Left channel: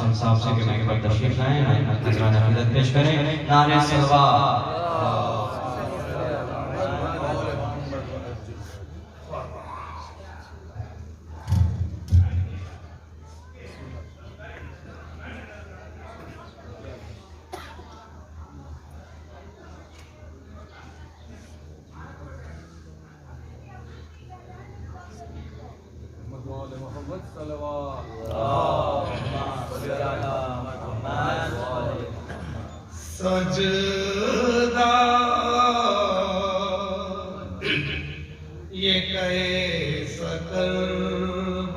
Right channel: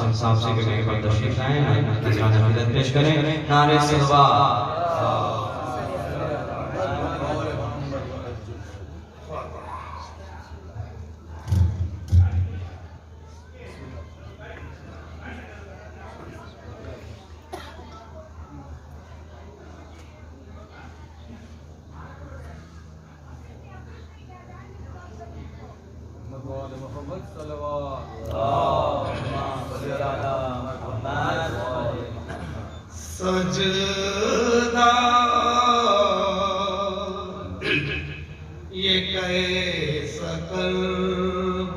صاحب سے کرنے کے بعد تشریف لائیں نذرانہ عقیدت پیش کریں نعرہ صلوات محمد صلوات سجدہ یہ کیسا قلب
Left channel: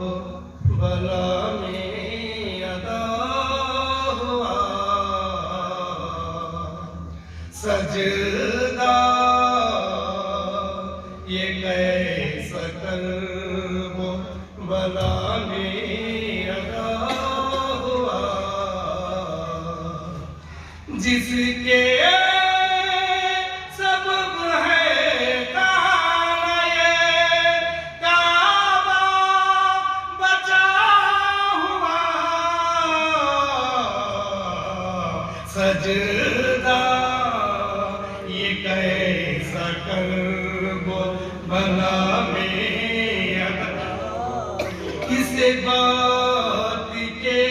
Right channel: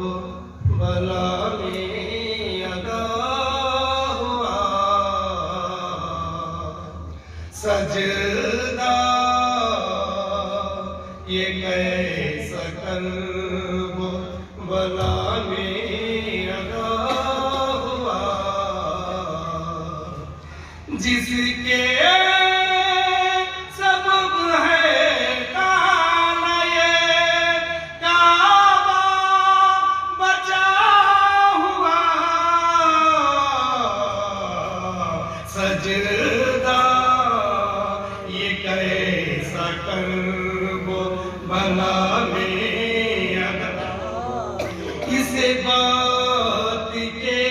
بلا میں ادا ہوا سجدہ یہ کیسا قلب بلا میں ادا ہوا جس کے سبب ہے کعبہ یہ کعبہ بچا ہوا سجدہ یہ کیسا قلب بلا میں اس بات کے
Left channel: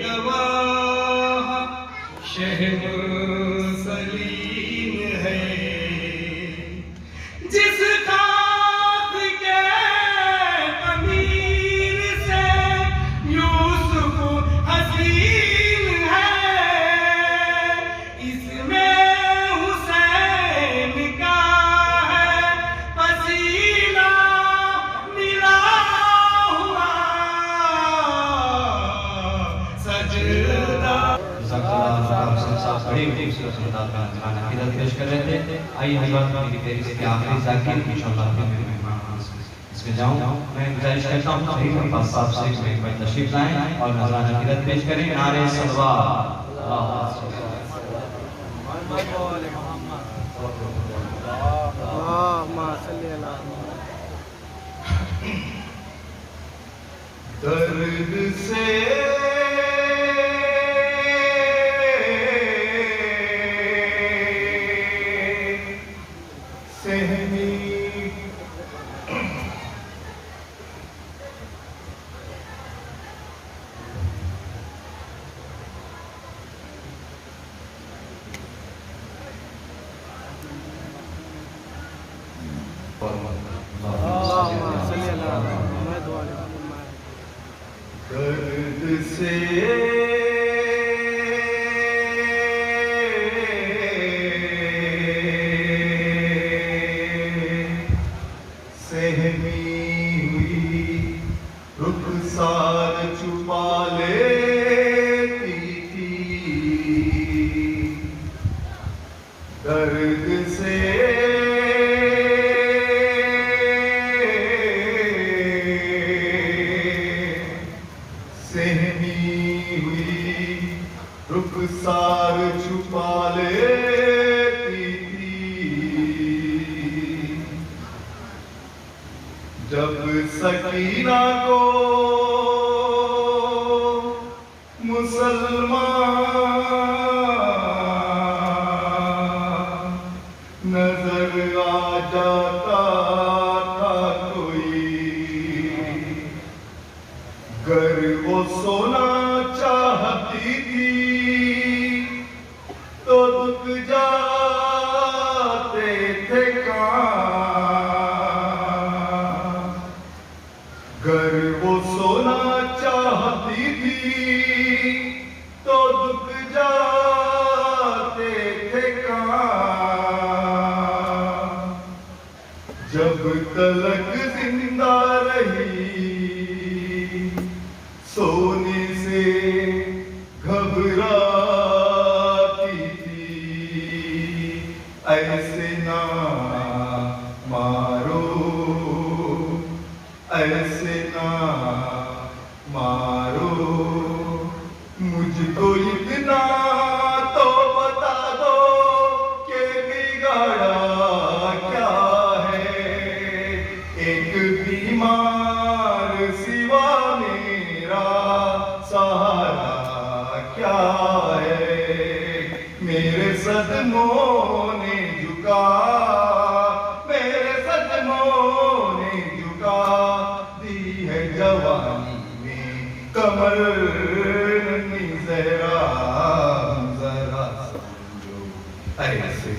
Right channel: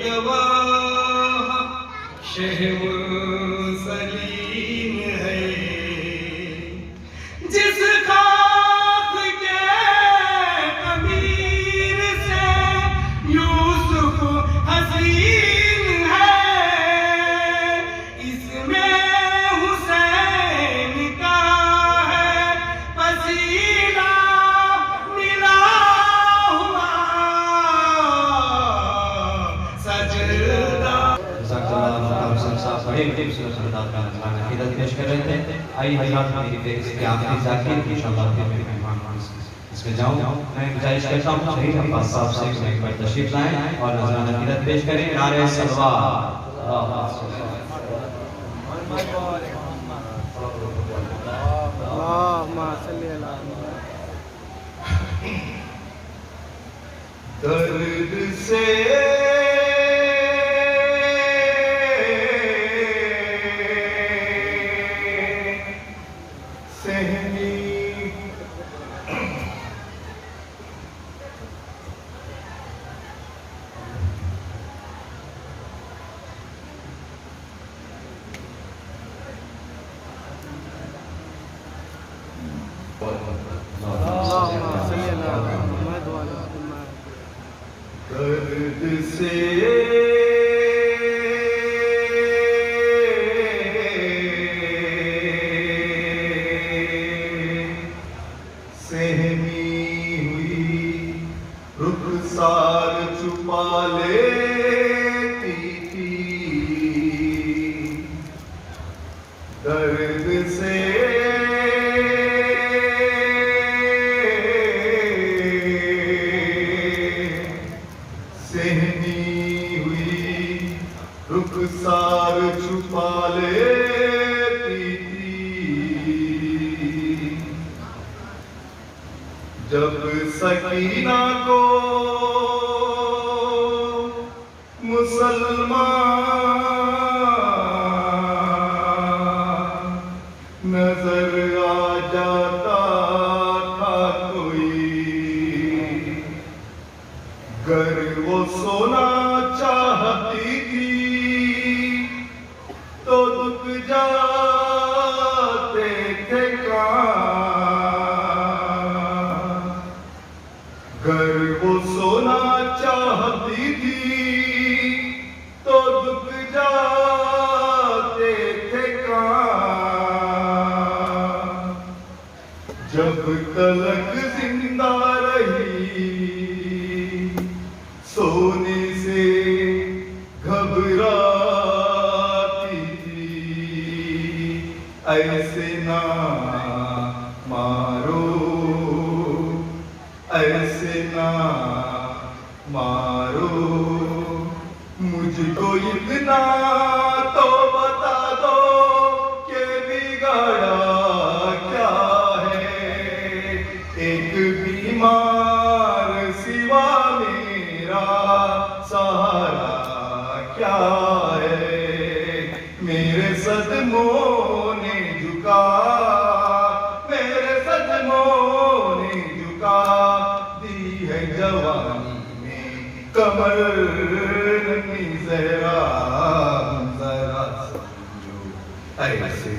گواہ شہ سلیم ہے جس خاک کے امیر سے یوسف حسین ہے اس میں حسین کا ہے پسینہ ملا پیش کر رہے تھے آئی حضرات میری پیش کے آخری ذاکر انشاءاللہ پھر میرے مہمان اس میں جاؤں میں گزارش کرتا ہوں شہید عباس صاحب سے تشریف لائیں اور نذرانہ عقیدت پیش کریں نعرہ صلوات اللہم صلی اللہ درد سے اللہم صلی اللہ محمد و علی محمد درد سے سہمی ہوئی رخسار چھپا لیتی تھی درد سے سہمی ہوئی رخسار چھپا لیتی تھی جب سکینہ کو مسلمان نظر آ جاتا تھا کوئی گر وہ سونا چاہتی تھی تو دکھ جاتے تھے کان گر وہ سونا چاہتی تھی تو دکھ جاتے تھے کان جب تلک زندہ رہی سونے سے گھبراتی تھی ایسے نہ مارو ایسے نہ مارو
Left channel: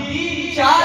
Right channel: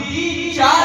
3-4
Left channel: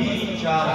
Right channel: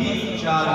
3-4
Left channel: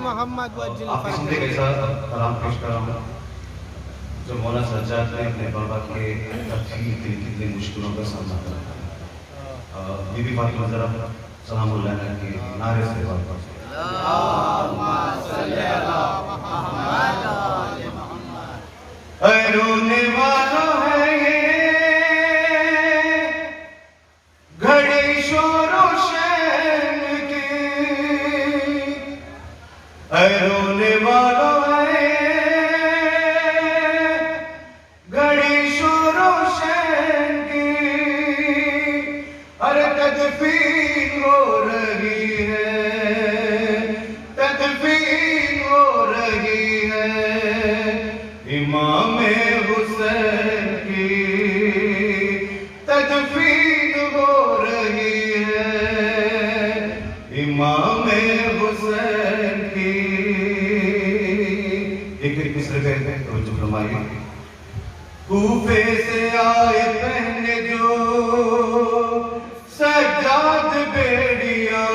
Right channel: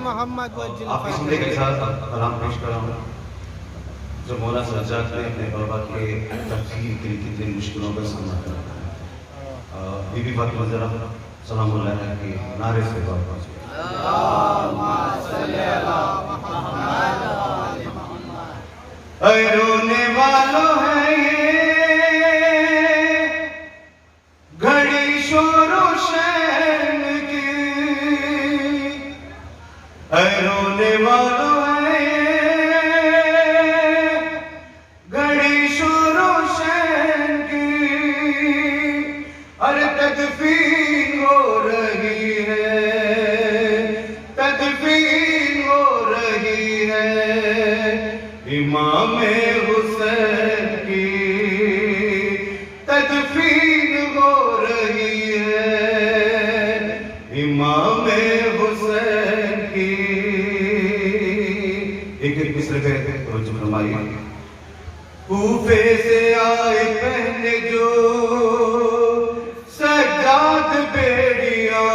محمد وجل حمدے کے فرج ساتھ کلام پیش کر رہا ہوں جو مولانا سجاد نے اپنے بابا کے تفہیم کے کتنے مشکلوں کا سامنا کرا بی بی فاطمہ ذرا سلام اللہ علیہ کے نعرے سے بابا رونے والوں ہے یہ گھڑی شور و شین کی رونے والوں ہے یہ گھڑی شور و شین کی ارے تدفین ہو رہی ہے تدفین ہو رہی ہے امام حسین کی تدفین ہو رہی ہے امام حسین کی ایک مصر پہ توجہ فرمائیے کوفے سے آئے پہنے جو سجاد بیڑیاں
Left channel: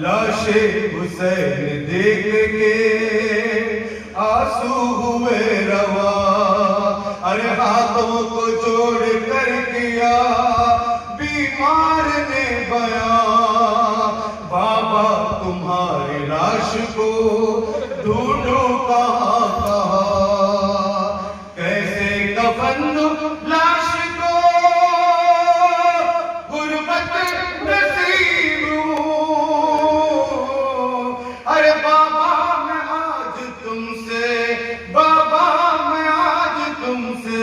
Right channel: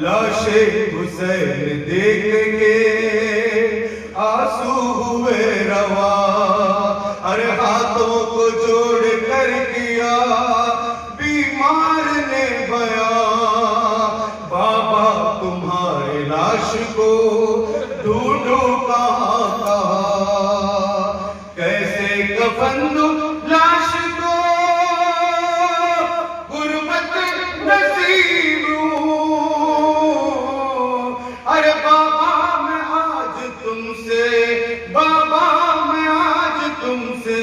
لاش حسین دیکھ کے آنسو ہوئے روا ارے ہاتھوں کو جوڑ کر کیا بیمار نے بیان بابا تمہارے لاش کو ڈھونڈو کہاں کہاں کیسے کفن دوں لاش کو غربت نصیب ہوں ارے بابا میں آج تم سے بابا میں آج تم سے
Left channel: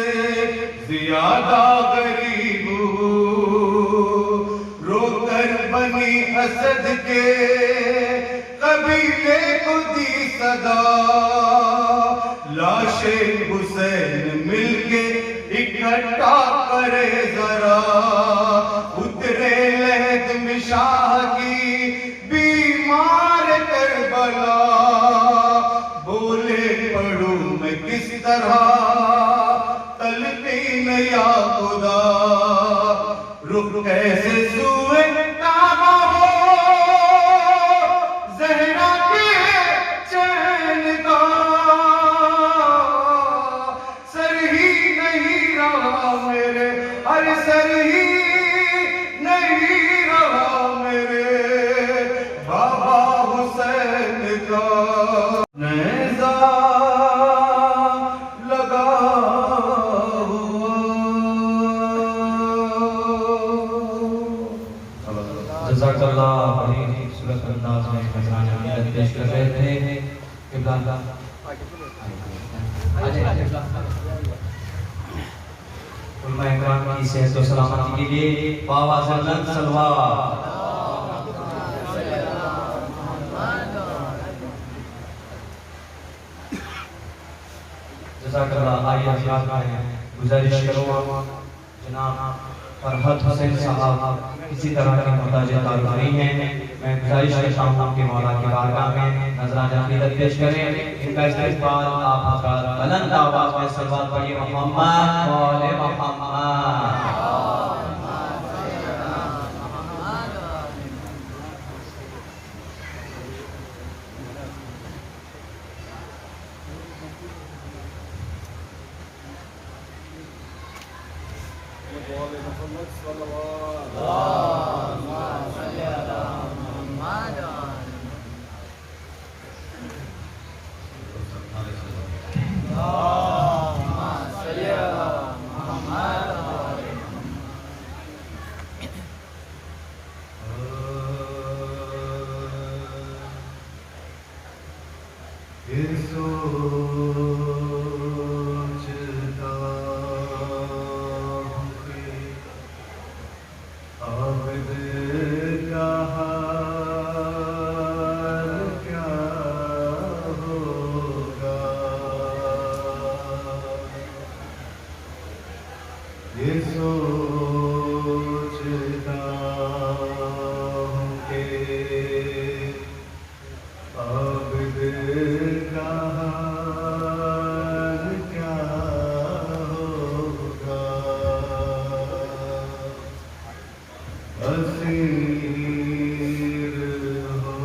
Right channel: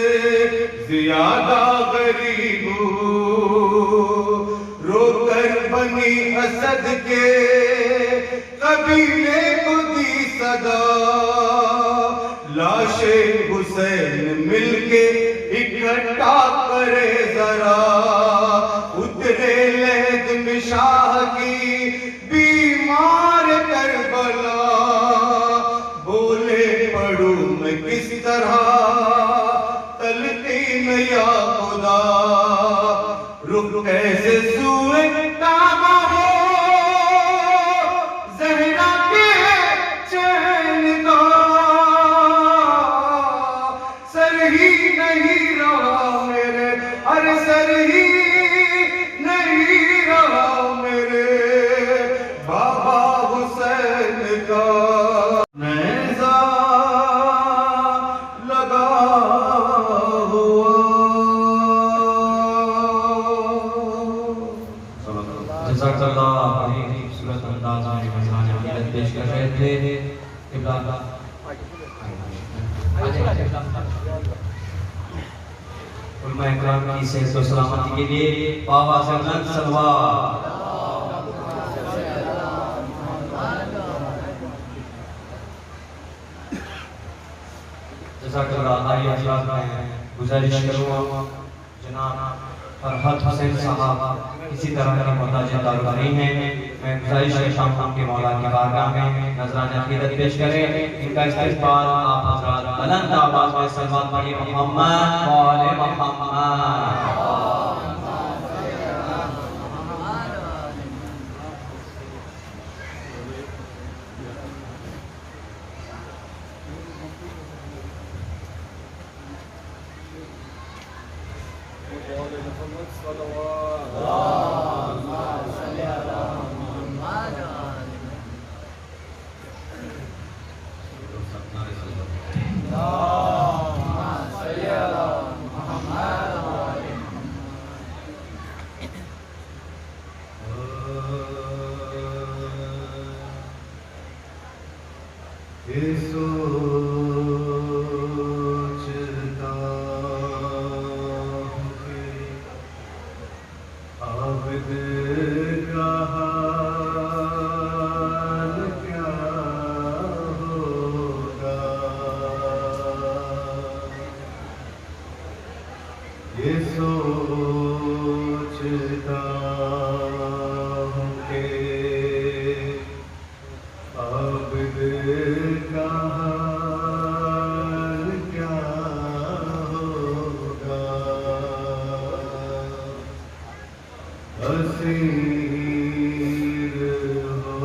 زیادہ غریب ہوں رو کر بنی اسد کے قبیلے کو دی صدا لاش حسین مل کے اکٹھا کرے ذرا اترے لہد شاہ کی بیمار کربلا بولے پڑھوں میں کس طرح تلقین یا خدا رخ کیسے سوئے کعبہ ہو زہرا کے چین کا سر ہی نہیں رہا میرے ارے سر ہی نہیں رہا میرے بابا حسین کا نیزہ لگا ہوا جزاک اللہ بڑی خوبصورت انداز میں نذرانہ عقیدت پیش کر رہے تھے قبلہ علماء اکرام کی صحت و سلامتی کے لیے بآواز بلند صلوات جزاک اللہ آئیے حضرات میں گزارش کروں جناب فرحت حسین صاحب اسی طرح کی محتاج دار رہی ہیں میں گزارش کرتا ہوں آپ کے مولا کی بارگاہ میں نذرانہ عقیدت پیش کریں ان کا استقبال آپ حضرات بلند آواز میں صلوات پڑھیے محمد وآل محمد اسیر ہو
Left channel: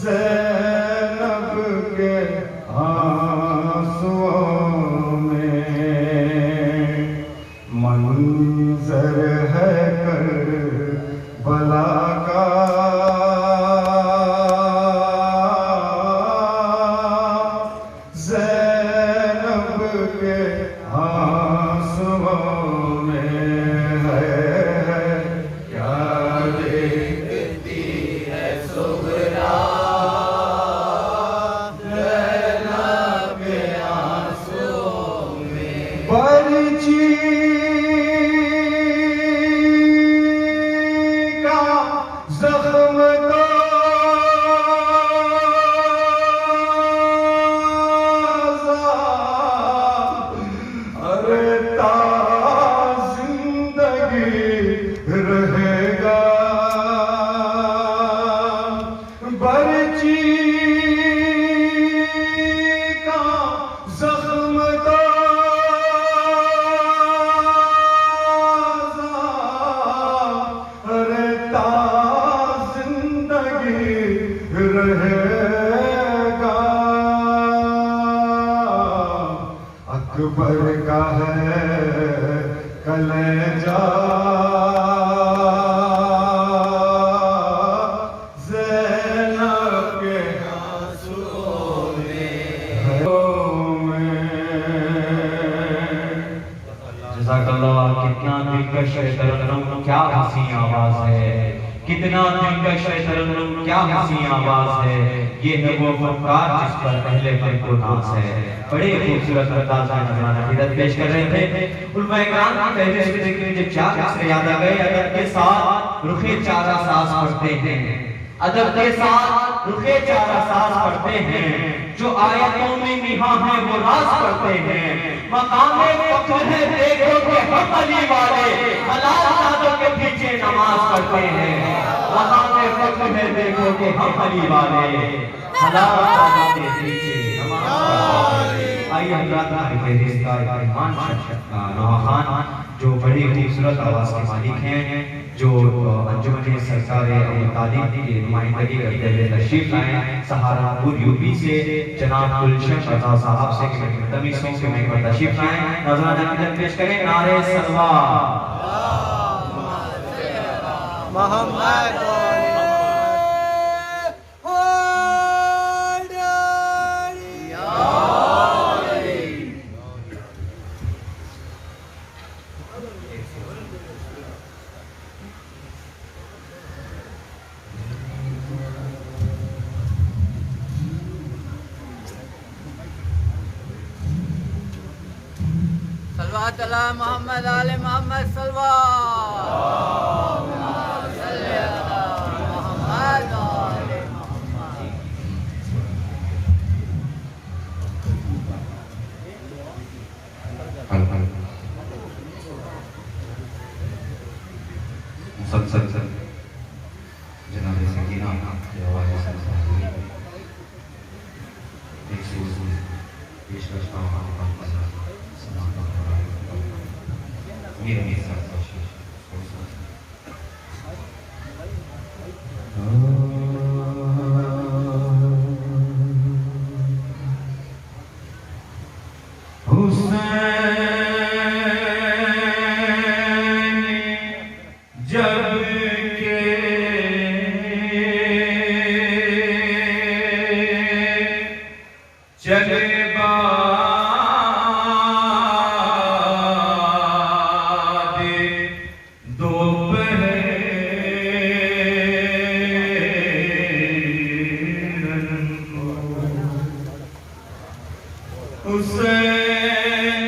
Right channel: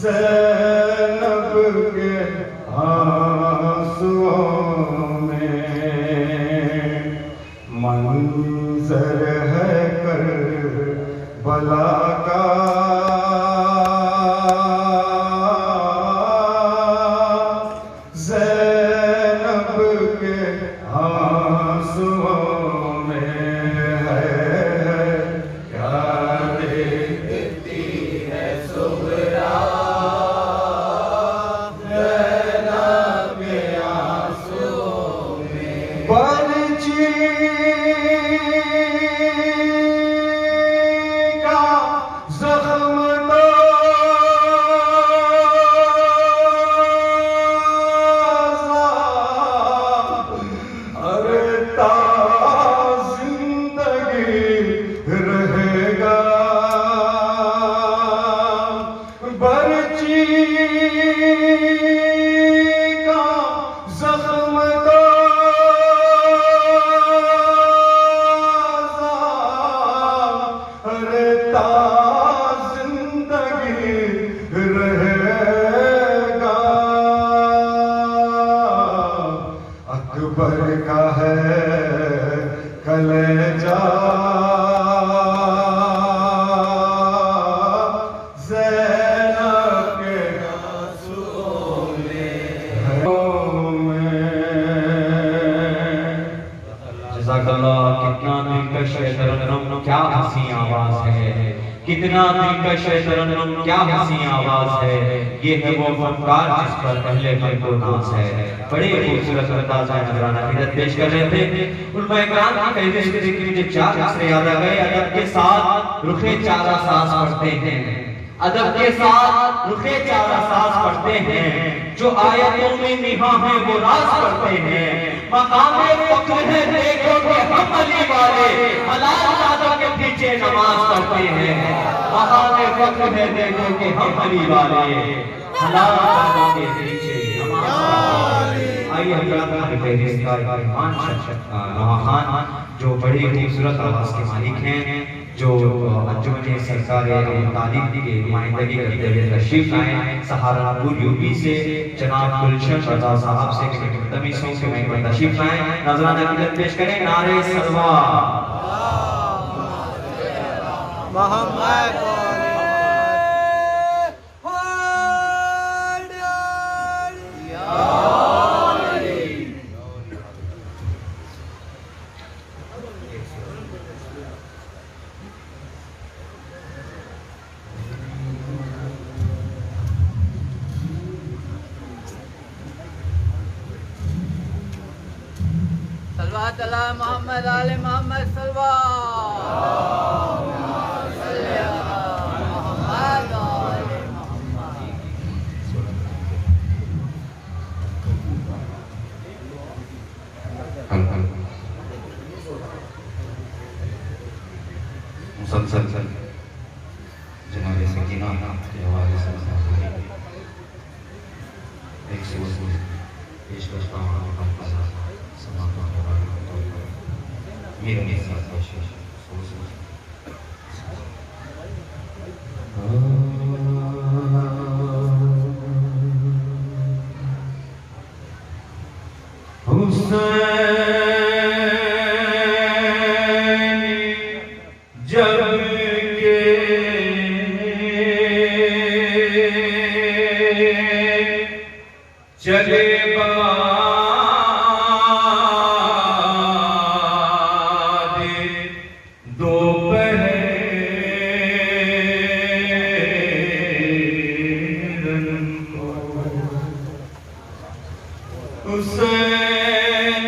زینب کے آنسوؤں میں منظر ہے کربلا کا زینب کے آنسوؤں میں ہے کیا دیکھتی ہے صغرا زینب کے آنسوؤں میں برچی کا زخم اکبر کا ہے کلیجہ زینب کے آنسوؤں میں جزاک اللہ. کتنا دلکش ہے ترنم، کیا حسین آواز ہے. کتنا دلکش ہے ترنم، کیا حسین آواز ہے. یہ ہے وہ فنکار جس پر اہل بیت کو ناز ہے. بڑے خوبصورت انداز میں نذرانہ عقیدت پیش کر رہے تھے. علماء کرام کی فہرست کے ذکر میں جب چار مصرے یاد آ گئے. ادب کے ساتھ رخ چارہ ساز پڑھتے ہیں، ادب کے ساتھ رخ چارہ ساز پڑھتے ہیں. جو آیتوں میں نہاں ہیں وہ راز پڑھتے ہیں. مقام فخر ہے دیکھو کہ ہم علی والے حلال نادر کے پیچھے نماز پڑھتے ہیں. مقام فخر ہے دیکھو کہ ہم علی والے حلال نادر کے پیچھے نماز. آئیے حضرات ہماری فہرست کا ایمان نوحہ خان جو بڑی خوبصورت آواز کے مالک ہیں، جو انجمن سرکار تعلیم کی نمائندگی کرتے ہوئے تشریف لائے. سہارنپور یوپی سے جناب گلشن رضا صاحب سے مقدمی سنگ کے محکمہ میں تشریف لائے. نذرانہ عقیدت پیش کریں. نعرہ صلوات محمد صلوات اللہ محمد آل محمد صلوات صلی اللہ محمد آل محمد. مسلسل جناب سکینہ کے حوالے سے ایک سوز پیش کرتا ہوں. یہ میرے ساتھ چلے حسین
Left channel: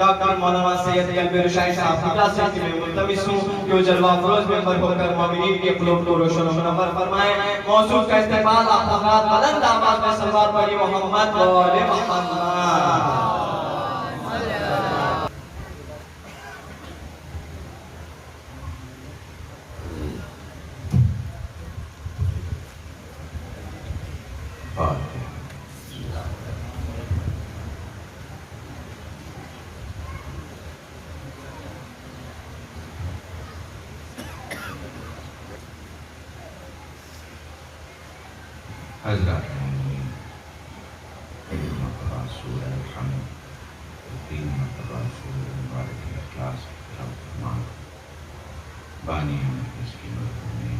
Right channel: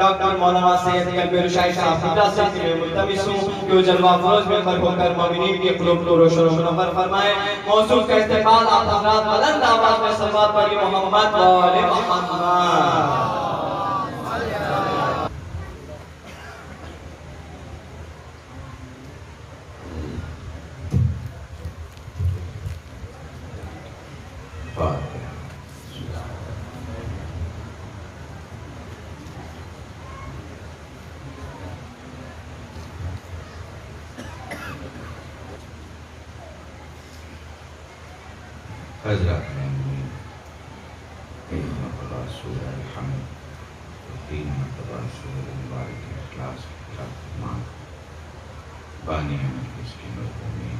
ڈاکٹر مولانا سید قلب رشید صاحب خدا سے میں ملتمس ہوں کہ وہ جلوہ افروز میں ہو کر مومنین کے قلوب کو روشن و منور فرمائے. موضوع کا استقبال آپ حضرات بلند آواز میں صلوات پڑھی محمد و آل محمد. حضرات مرتبہ سورہ الحمد، 3 مرتبہ سورہ مبارک اخلاص بانی اس کی مہربانی.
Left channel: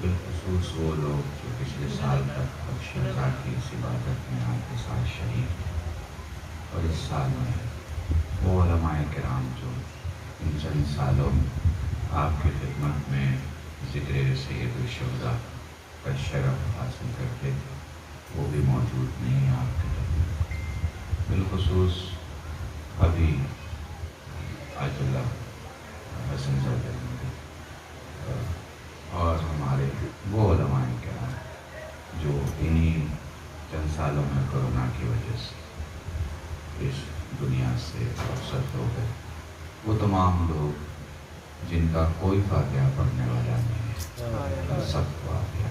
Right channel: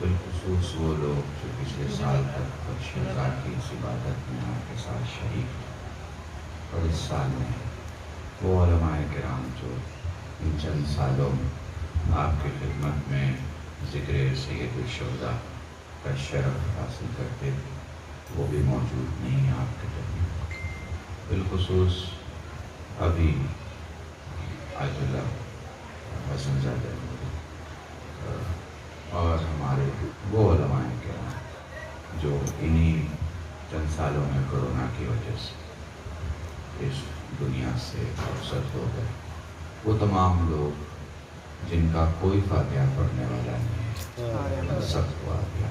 بالخصوص وہ لوگ جو پچھلے سال تک بخش رضا کی اس عبادت میں آپ کے ساتھ شریک ہیں، اور اس سال میں وہ علماء کرام جو ان چند سالوں آپ کی خدمت میں ذکر سید الشہداء کا شرف حاصل کرتے وہ بھی موجود نہیں ہیں آپ کے طرف. بالخصوص ابھی آیت اللہ حسن صاحب اور ہمارے وہ علماء کرام جو انہی چند سالوں میں کورونا کی وجہ سے اس دنیا سے رخصت ہو گئے، وہ تمام لوگ جن کا کوئی فاتحہ پڑھنے والا نہیں ہے، سب کو فاتحہ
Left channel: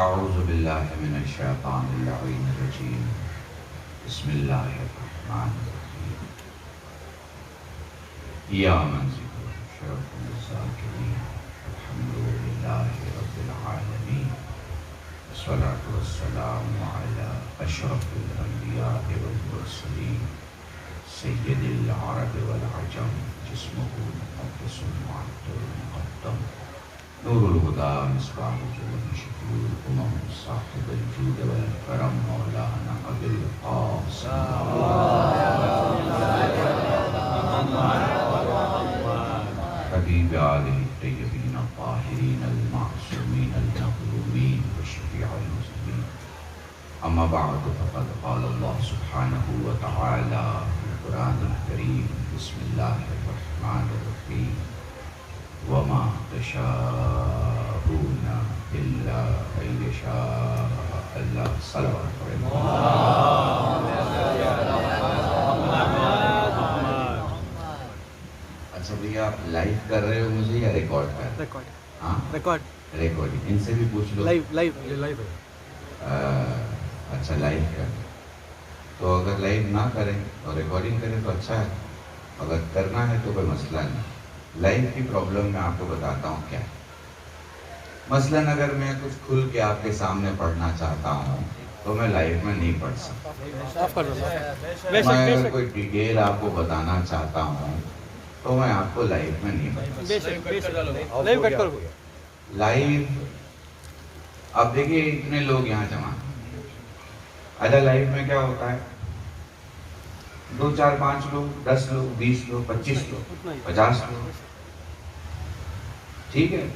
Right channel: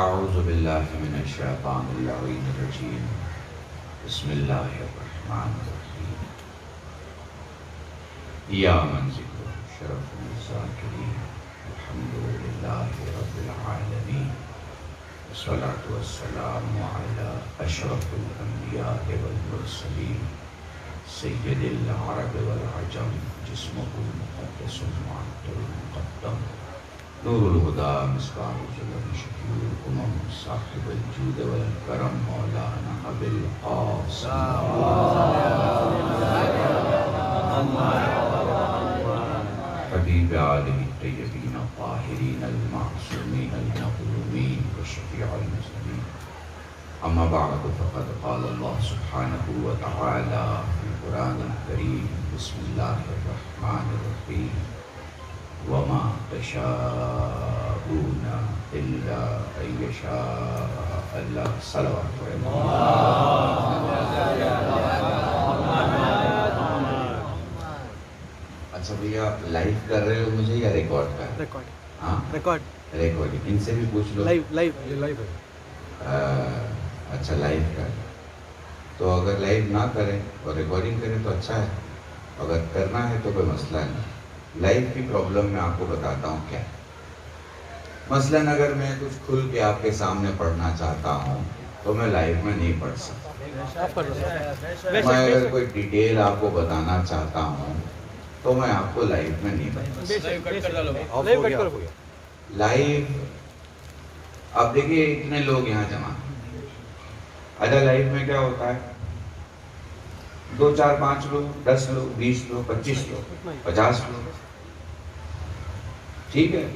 اعوذ باللہ من الشیطان اللعین الرجیم. بسم اللہ الرحمن الرحیم. یا من ذکر شرف الذاکرین الحمدللہ رب العالمین والصلاة والسلام علی اشرف الانبیاء والمرسلین سید العرب والعجم جسمہ المقدس المعطر المقدم نور الہدى مصباح الظلم شفیع الامم صاحب الجود والکرم مولانا ابو القاسم حبیب آلہ الطیبین الطاہرین المعصومین المظلومین وشفیع المسلمین. اما بعد فقد قال اللہ سبحانہ وتعالی فی القرآن الکریم بسم اللہ الرحمن الرحیم وما تشاءون الا ان یشاء اللہ. صلوات اچھا بھیا لائیو کر رہے ہو مجھے یا ریکارڈ کر رہے ہو؟ ہاں ریکارڈنگ. ان سے بھی پوچھ لو. لائیو اچھا لائیو کر تو اگر لائیو نہ کریں اور ریکارڈنگ کریں تو اچھا ہے، اگر کرنا ہے تو کوئی مسئلہ نہیں. لائف کی پرابلم میں آپ کو بتاتا ہوں کیا. مثلاً اگر میں کچھ کھل کے آپ کے سامنے پڑھنا چاہتا ہوں تو میں لائف میں نہیں پڑھ سکتا. میں اگر کوئی ڈیٹیل آپ کو بتانا چاہتا ہوں تو میں آپ کو لائف میں نہیں بتا سکتا. لائف اب دیکھیے اتنے لوگ یہاں جمع. اچھا لائف میں کیا ہوتا ہے؟ 2 4 5 لوگ، 10 لوگ، 20 لوگ، 25 لوگ، 50 لوگ، ٹھیک ہے.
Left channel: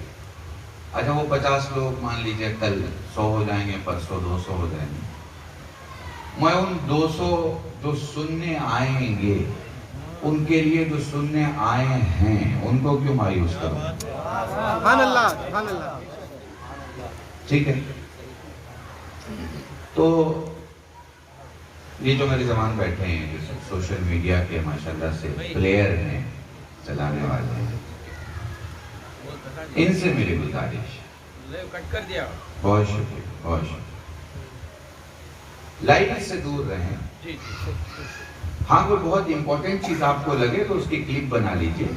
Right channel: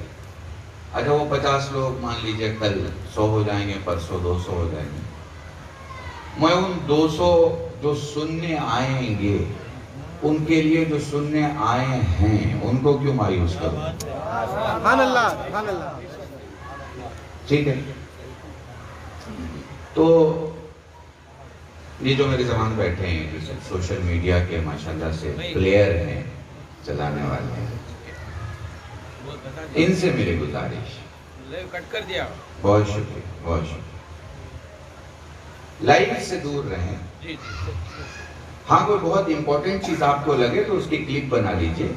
اچھا وہ 50 لوگ مان لیجئے کل 100 ہو جائیں گے، پرسوں 200 ہو جائیں گے. میں ان 200 جو سننے آئیں گے ان کے لیے جو سننے آئے ہیں ان کو کیوں مایوس کروں؟ سبحان اللہ سبحان اللہ. ٹھیک ہے. تو یہ جو میرے زمان بیٹھے ہیں جو سب سوشل میڈیا کے ماشاءاللہ سے پلیئر ہیں، چلانے والے ہیں، ان سے میری گزارش. بہت شکریہ بہت شکریہ. لائف سے دور رہیں. ہاں کوئی بہت امپورٹنٹ چیز آپ کو لگے تو اس کی کلپ بنا لیجئے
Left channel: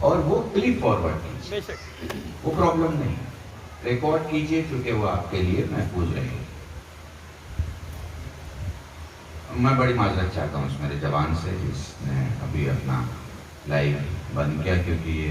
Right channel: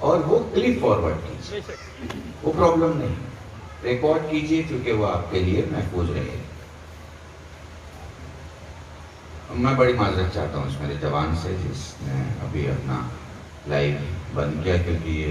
اور وہ کلپ فارورڈ کیجئے، وہ پرابلم نہیں. ریکارڈ کیجئے کیونکہ وہ آپ کے لیے محفوظ رہے. میں بڑی معذرت چاہتا ہوں اس میرے جوان سے جس نے ابھی اپنا لائیو بند کیا، کیونکہ یہ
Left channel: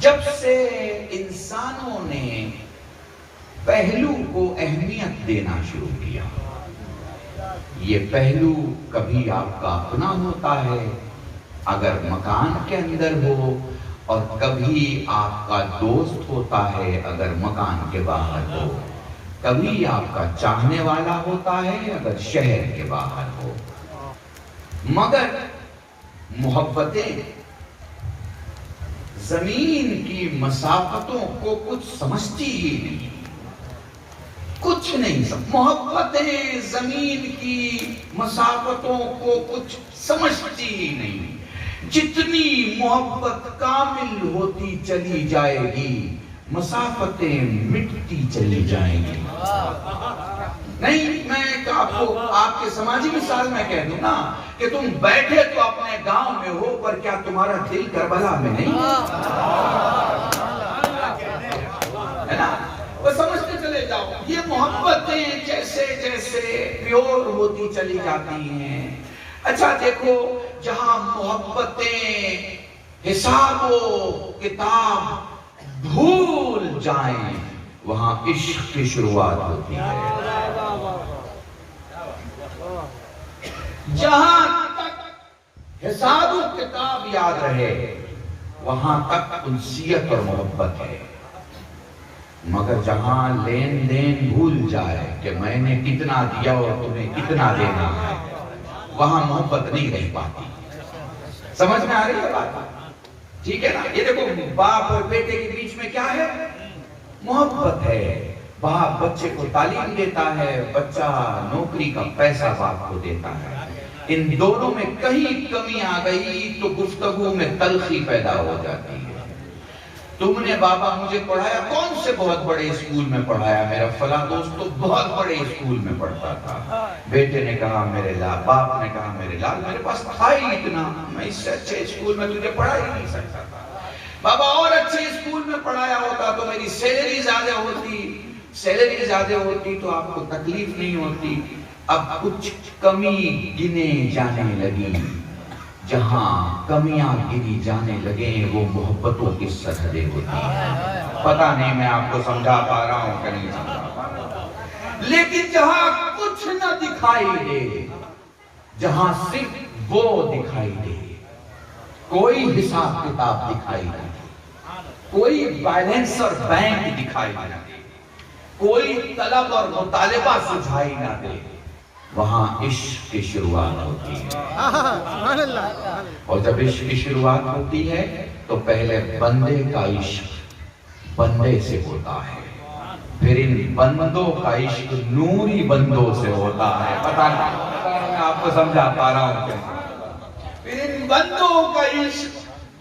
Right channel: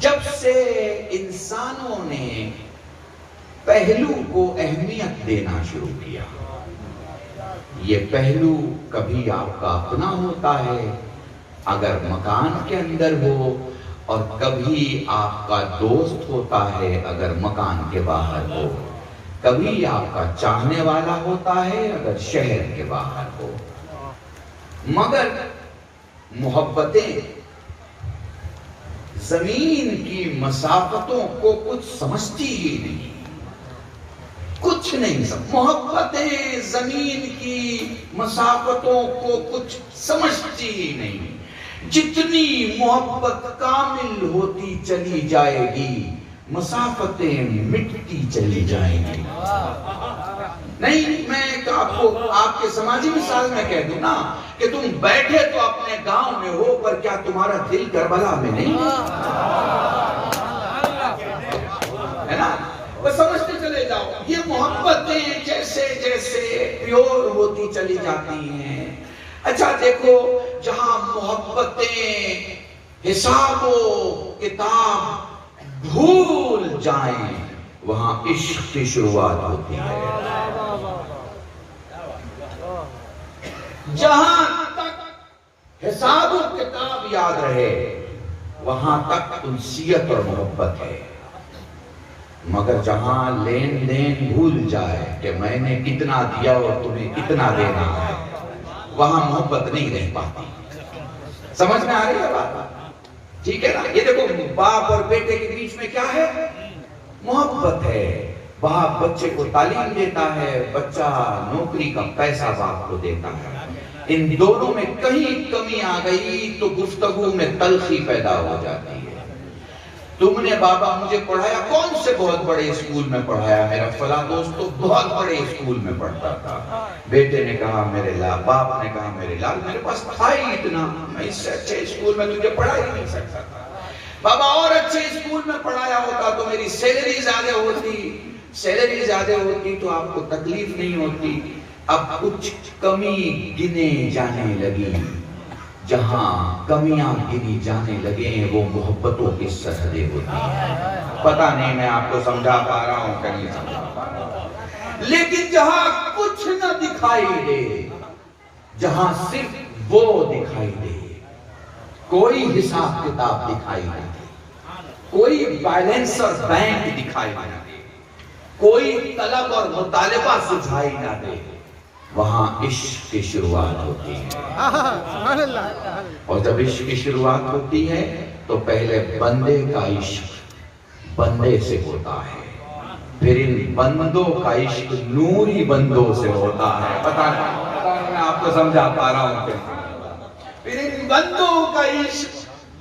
جب سے انسانوں نے پہلو کو اہمیت دینا شروع کیا، یہ پہلو کبھی آپ کا اپنا ہوتا ہے اگر مکان کے اندر ہو، اور کبھی آپ کا دوست ہوتا ہے اگر مکان کے باہر ہو، کبھی آپ کا چاہنے والا ہوتا ہے اگر شہر کے باہر ہو، مگر محبتیں زمین کی مسافتوں کو کچھ سمجھتی ہی نہیں، کچھ نہیں محبتیں زمین کی مسافتوں کو کچھ سمجھتی ہی نہیں۔ جتنی محبت کامل ہوتی چلی جائے گی، مسافتیں مٹتی چلی جائیں گی۔ نہیں، میں آپ کے سماجی مثال میں کہہ دوں نا کہ تم بیٹھے تو اپنے گاؤں میں ہو، پر کیا تمہارا دل کربلا میں نہیں ہے نا؟ وہ سمجھتے چلے جاؤ، یہ محبتیں جیسے جیسے پیور ہوتی چلی جاتی ہیں۔ اچھا دیکھو، جہاں محبتیں حساب و کتاب بھول جائیں، وہاں عشق کی شروعات ہوتی ہے۔ جہاں تک حساب و کتاب یاد رہے، وہاں تک انسیت اور محبت ہے، مگر جہاں لین دین بھول جائے کہ میں نے کتنا دیا اور تمہیں کتنا دینا ہے، وہاں محبت نہیں رہ پاتی۔ سمجھ میں آ رہی ہے بات؟ ٹھیک ہے نا؟ یہ دیکھو، باپ اور بیٹے کے بیچ میں کیا ہے؟ محبت ہے۔ باپ بچے کو تعلیم دیتا ہے، بچہ نوکری کا پیسہ باپ کو دیتا ہے۔ ان دونوں میں کہیں کمی آ گئی تو گفتگو میں تلخی پیدا ہو جاتی ہے۔ تم نے بابا مجھے پڑھایا، کون سے بہت بڑے اسکول میں پڑھایا؟ میرا فلاں دوست تو بہت بڑے اسکول میں پڑھتا تھا۔ بیٹے نے کہا میرے لال، باپ نے کہا میرے لال، میرے پاس تھا ہی اتنا، میں اس سے اچھے اسکول میں تجھے پڑھا ہی نہیں سکتا تھا۔ بابا اور اچھے اسکول میں پڑھایا ہوتا تو میری سیلری زیادہ ہوتی تو آپ کو تکلیف نہیں ہوتی۔ اب کچھ کمی گنے جانے لگی، جہاں کمیاں گنی جانے لگے وہ محبتوں کی سرحدیں ہوتی ہیں۔ پتہ نہیں میں آپ کو سمجھا پا رہا ہوں کہ نہیں سمجھا پا رہا ہوں، لیکن جہاں کچھ نہ دکھائی دے، جہاں صرف وہ دکھائی دے، کوئی حساب کتاب دکھائی نہ دے، کوئی بیلنس اور بینک دکھائی نہ دے، کوئی طلب اور مطالبہ سجھائی نہ دے، وہاں عشق کی شروعات ہوتی ہے۔ سبحان اللہ۔ اور جب عشق کی شروعات ہوتی ہے تو پہلے بندے کا عشق بندے سے ہوتا ہے، پھر ان بندوں کا عشق نوری بندوں سے ہوتا ہے۔ پتہ نہیں میں آپ کو سمجھا پا رہا ہوں کیا؟ پھر ان بندوں کا عشق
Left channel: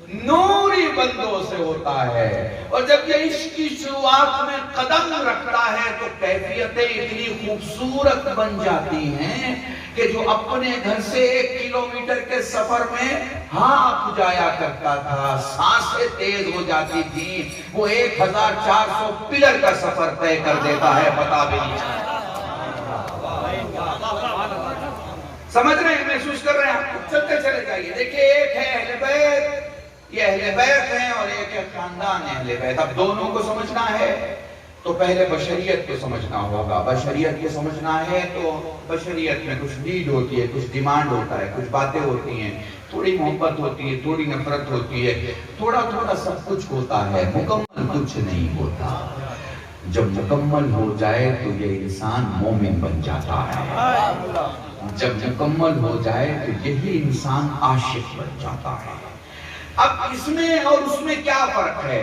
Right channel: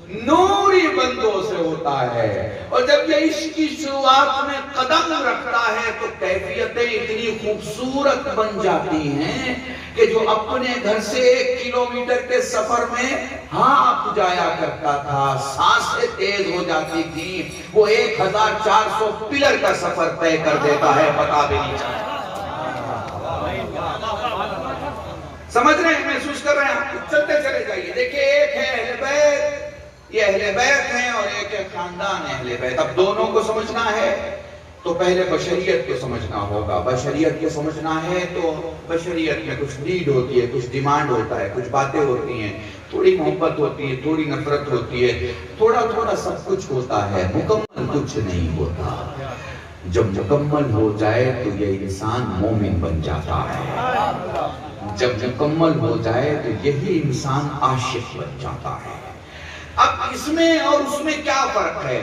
نوری بندوں سے ہوتا ہے، اور جب یہ عشق کی شروعات میں قدم رکھتا ہے تو کیفیتیں اتنی خوبصورت بن جاتی ہیں کہ جو اپنے گھر سے 1 کلومیٹر کے سفر میں ہانپ جایا کرتا تھا، سانسیں تیز ہو جاتی تھی، وہ 1400 پلر کا سفر طے کر دیتا ہے، پتا بھی نہیں چلتا۔ سمجھ رہے ہیں، محسوس کر رہے ہیں؟ چلتے چلے جائیے۔ دیکھیں، ایک ہے اہل بیت، یہ اہل بیت ہیں، اور ایک ہے خاندان اہل بیت۔ اب دونوں کو سمجھنا ہے تو پہلے بشریت کو سمجھنا ہوگا۔ بشریت کو سمجھنا ہے تو بشریت میں کچھ نیڈ ہوتی ہے، کچھ ڈیمانڈ ہوتا ہے، کچھ باتیں ہوتی ہیں، تھوڑی محبت ہوتی ہے، تھوڑی نفرت ہوتی ہے، تھوڑا تھوڑا سب کچھ ہوتا ہے، مکمل کچھ نہیں ہوتا۔ جب مکمل ہو جائے تو یہ انسان مومن بن جاتا ہے، جب مکمل ہو جائے تو یہی انسان عاشق بن جاتا ہے۔ اب اس میں اور اس میں کیا فرق ہے؟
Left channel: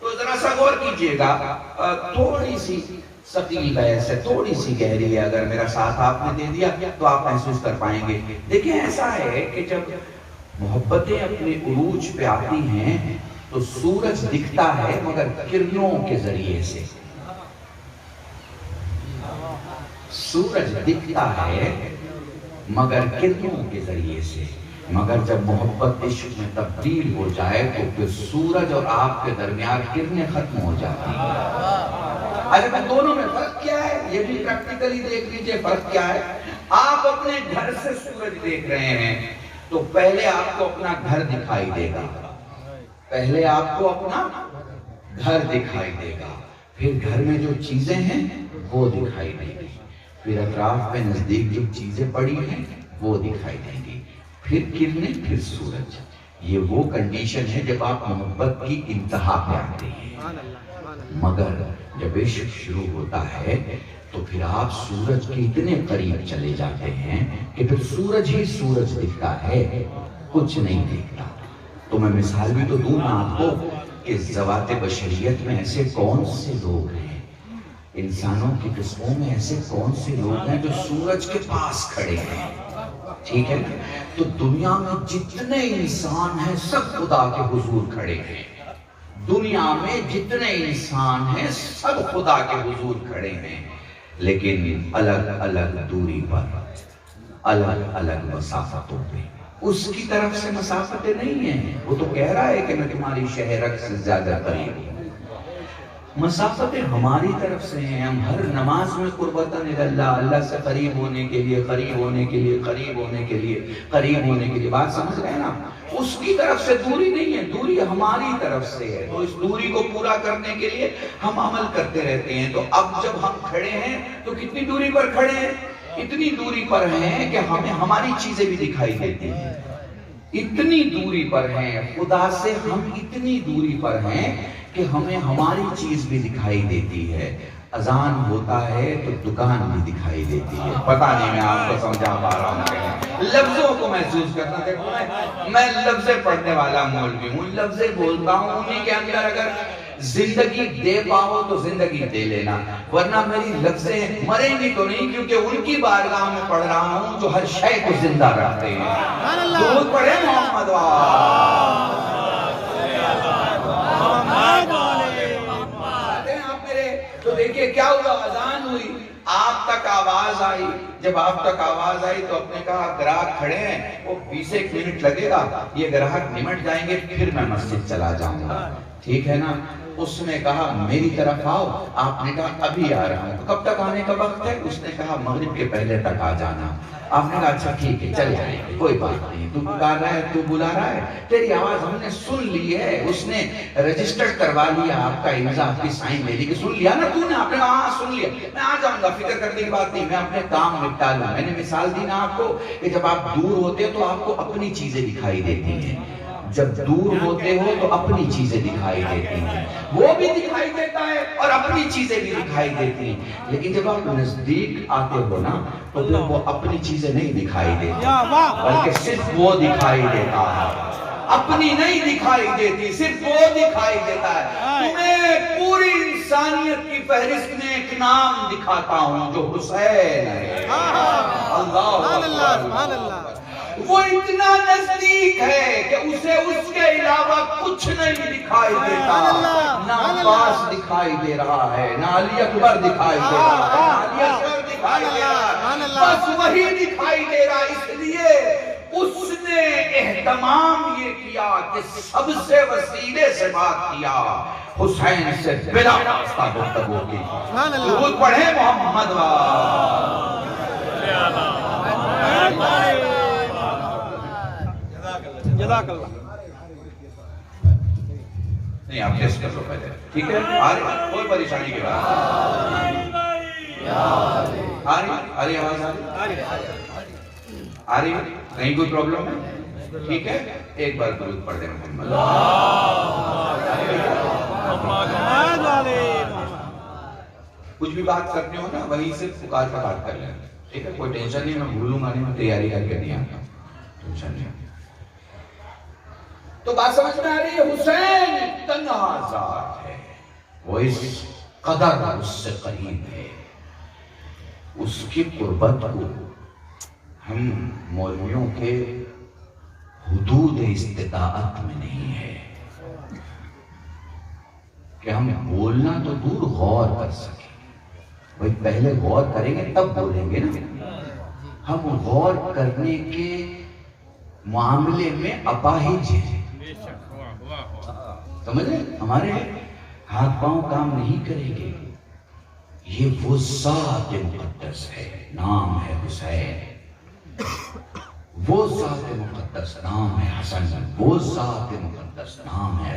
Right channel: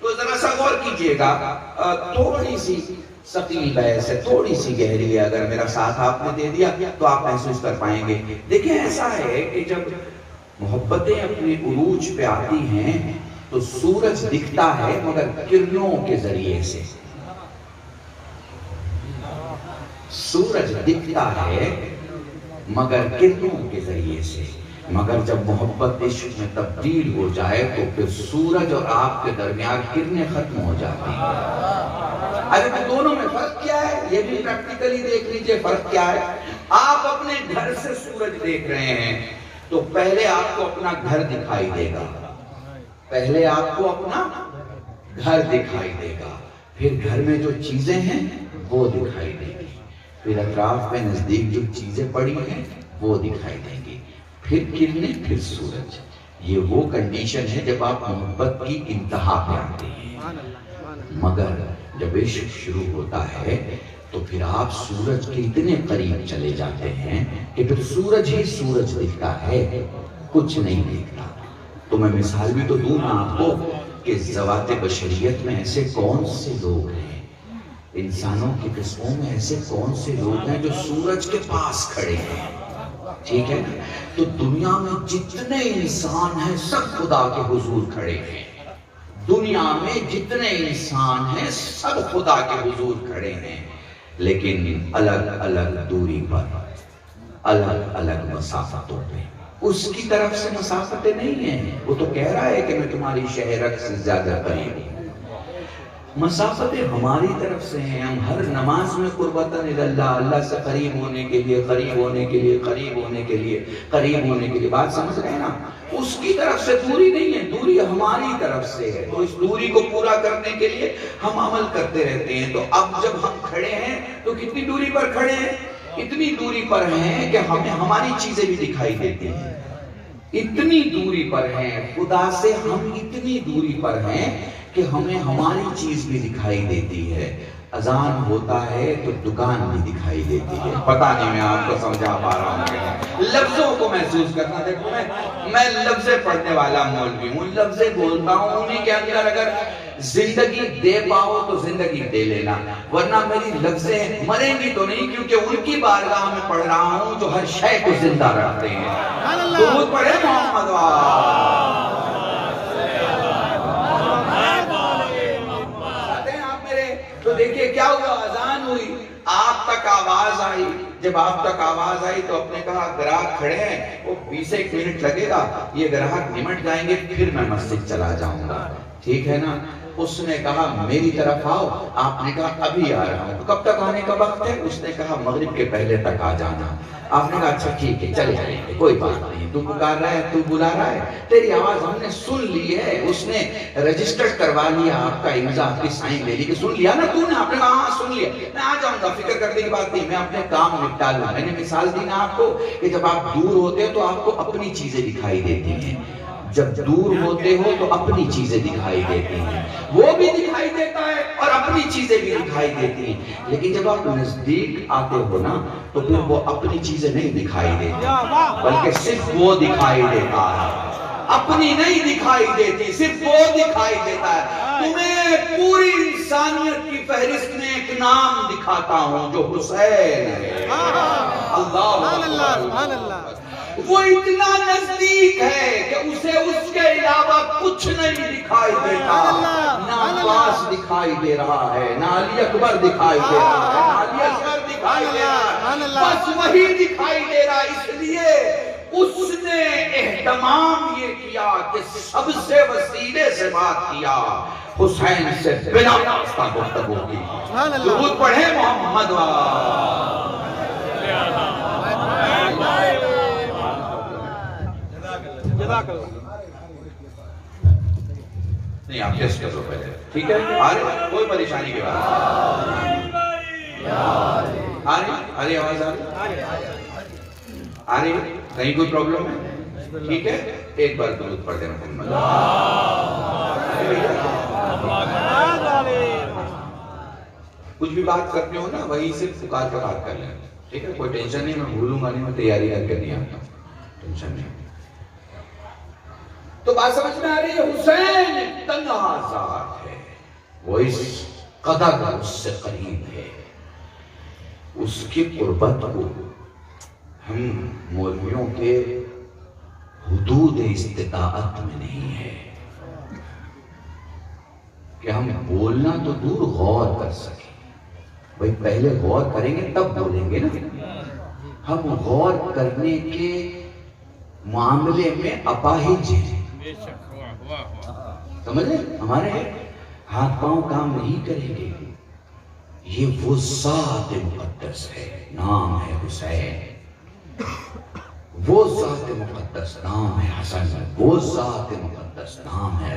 تو ذرا سا غور کیجئے گا، تھوڑی سی ثقیل بحث ہے، تھوڑی سی گہری ہے، اگر میرا ساتھ آپ نے دے دیا تو آپ محسوس کر پائیں گے۔ دیکھیں، ایسا ہے کہ جب محبتیں اپنے عروج پہ آتی ہیں تو سورج دکھتا ہے مگر کرنوں کے ذریعے سے۔ سورج دکھتا ہے مگر کرنوں کے ذریعے سے، مگر جب محبت عشق میں تبدیل ہو جائے تو پھر سورج اور آپ کے درمیان کرنیں ختم ہو جاتی ہیں۔ اگر دونوں میں فرق کیا ہے یہ بھی پریکٹیکلی دیکھ لیجئے، فرق کیا ہے۔ آپ اپنے گھر سے سورج دیکھ رہے ہیں تو پہلے آپ کو اپنا گھر دکھائی دے گا، پہلے آپ کو اپنا گھر دکھائی دے گا، پھر گھر میں جو چیزیں ہیں وہ دکھائی دے گی، پھر اطراف میں نزدیک جو چیزیں پڑی ہیں وہ دکھائی دیں گی، پھر کرنیں، پھر سورج۔ یہ وہ کنڈیشن ہے جب آپ محبت کی انتہا پہ آتے ہیں۔ مگر جب عشق شروع ہوتا ہے تو پھر آپ سورج کے اتنے قریب چلے جاتے ہیں کہ پھر سورج ہی سورج دکھتا ہے، کچھ نہیں دکھتا۔ تو میں مثال بھی تو دوں نا آپ کو کہ ذوات بشریت میں ایسے کون سے لوگ ہیں، انسانوں کی قسموں میں ایسے کون سے لوگ ہیں جو سورج کے پاس کھڑے ہیں، ٹھیک ہے؟ تو دنیا میں جتنے انسان ہیں سب خدا کے حضور کھڑے ہیں، دنیا میں جتنے انسان ہیں سب خدا کے حضور کھڑے ہیں، لیکن الگ الگ دوری پر، الگ الگ مسافتوں پہ۔ اس کی طرف سے مسافتیں نہیں ہیں، وہ تو کہہ رہا ہے کہ میں تمہاری شہرک سے زیادہ قریب ہوں۔ مسافتیں ہماری طرف سے ہیں، ہم ہر نماز میں قربتاً اللہ، اللہ سے قریب ہونے کے لیے، قریب ہونے کے لیے، قریب ہونے کے لیے، قریب ہونے کے لیے، بات سمجھ رہے ہیں نا؟ اس کی طرف سے دوری نہیں ہے، دوری ہماری طرف سے ہے۔ تو اس دوری کو پورا کرنے کے لیے ہم عمل کرتے رہتے ہیں۔ تو اب جب ہم کھڑے ہیں تو کتنی دوری پر کھڑے ہیں؟ اتنی دوری پر ہیں کہ ہمیں ہماری چیزیں بھی دکھائی دیتی ہیں، اتنی دوری پر ہیں خدا سے، ہم اتنی دوری پر ہیں کہ ہمیں ہماری چیز بھی دکھائی دیتی ہے۔ اذان ہوتا ہے تو دکان بھی دکھائی دیتی ہے۔ پتہ نہیں میں آپ کو سمجھا پا رہا ہوں کہ لفظوں کو محسوس کرنا، دیکھو میں لفظیں پڑھنے والا مولوی ہوں، لفظیں بولتا ہوں، انہیں کے اندر اگر زندگی دے پاؤ تو زندگی دے لینا، ورنہ میری لفظیں مریں گی تو نہیں، کیونکہ ان کی بارگاہ میں پڑھ رہا ہوں جو ہر شے کو زندہ رکھتے ہیں۔ درود پڑھے محمد تو دیکھیں کیا ہوا، اذان ہوئی، آپ تک آواز آئی، جب آپ تک آواز آئی تو اپنے کہا گراہک کھڑے ہیں، وہ 20 منٹ لگے گا، یہ گراہک نمٹ جائیں گے پھر میں مسجد چلا جاؤں گا، ٹھیک ہے نا؟ اس نے کہا میری طرف آؤ، آپ نے کہا ابھی آ رہا ہوں۔ کب تک آنے کا وقت ہے؟ اس نے کہا مغرب کے پہلے تک آ جانا۔ آپ نے کہا اچھا ٹھیک ہے چلے جائیں گے، کوئی بات نہیں، تو پکار رہا ہے، تو بلا رہا ہے، تیری آواز ہم نے سن لی ہے، اس نے رجسٹر کروا لیا، آپ کا امضا، آپ کی سائن لے لی کہ سن لیا نا تو نے؟ آپ نے کہا ہاں سن لیا، میں آ جاؤں گا، فکر کرنے کی بات نہیں، میں اپنے کام نپٹا لوں۔ میں نے مثال دی نا آپ کو کہ جب آپ دور ہوتے ہیں تو آپ کو اپنی چیزیں دکھائی دیتی ہیں، جب دور ہوتے ہو تو اپنی چیزیں دکھائی دیتی ہیں، وہ بھی دکھائی دیتا ہے اور اپنی چیزیں بھی دکھائی دیتی ہیں، لیکن جب آپ نزدیک آتے ہو نا تو پھر وہ اپنی چیزیں نہیں دکھائی دیتی بلکہ صرف وہ دکھائی دیتا ہے، اپنی نہیں دکھائی دیتی، صرف وہ دکھائی دیتا ہے۔ تمہیں پوری انسانیت کی فہرست میں ایک نام دکھاتا ہوں جو حسین ہے۔ اللہ سبحان اللہ، وہ اتنا نزدیک ہے کہ اسے اس کے علاوہ کچھ نہیں دکھائی دیتا، نہ عباس دکھائی دے رہا ہے، نہ علی اکبر دکھائی دے رہا ہے، نہ علی اصغر دکھائی دے رہا ہے، بس وہی دکھائی دے رہا۔ اس لیے اس نے اہتمام یہ کیا کہ سب سے وسیلے سے بات کیا، حسین سے بلا واسطہ گفتگو کی۔ درود پڑھے محمد نہیں، آپ ٹیسٹ کر لو پہلے، ٹھیک ہے؟ آ رہی کوئی پریشانی کی بات آ رہی آواز آ رہی ہے؟ نہیں کوئی پرابلم ہے؟ ٹھیک ہے، ایک بار درود پڑھ دینا محمد۔ کچھ بھی بات کرتے ہو نا وہی صرف پکار کا بات کر لیں، ٹھیک ہے؟ کوئی ٹینشن نہیں، میں بھولوں گا نہیں، میں تیاری کر کے نہیں آتا، ٹینشن نہیں۔ تو بات سمجھ میں آ رہی ہے؟ حسین تنہا ذات ہے، وہ اس قدر اس سے قریب ہے، اس کی قربت کو ہم مولویوں کے حدود استطاعت میں نہیں ہے کہ ہم بولنا تو دور غور کر سکیں۔ بھئی پہلے غور کریں گے تب بولیں گے نا، ہم غور کرنے کے معاملے میں اپاہج ہیں، سمجھ لیں؟ ہمارے ہاتھ پاؤں کام نہیں کریں گے۔ یہ وہ ذات مقدس ہے، نام ہے حسین، وہ ذات مقدس نام ہے حسن، وہ ذات مقدس نام ہے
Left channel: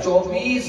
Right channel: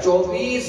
24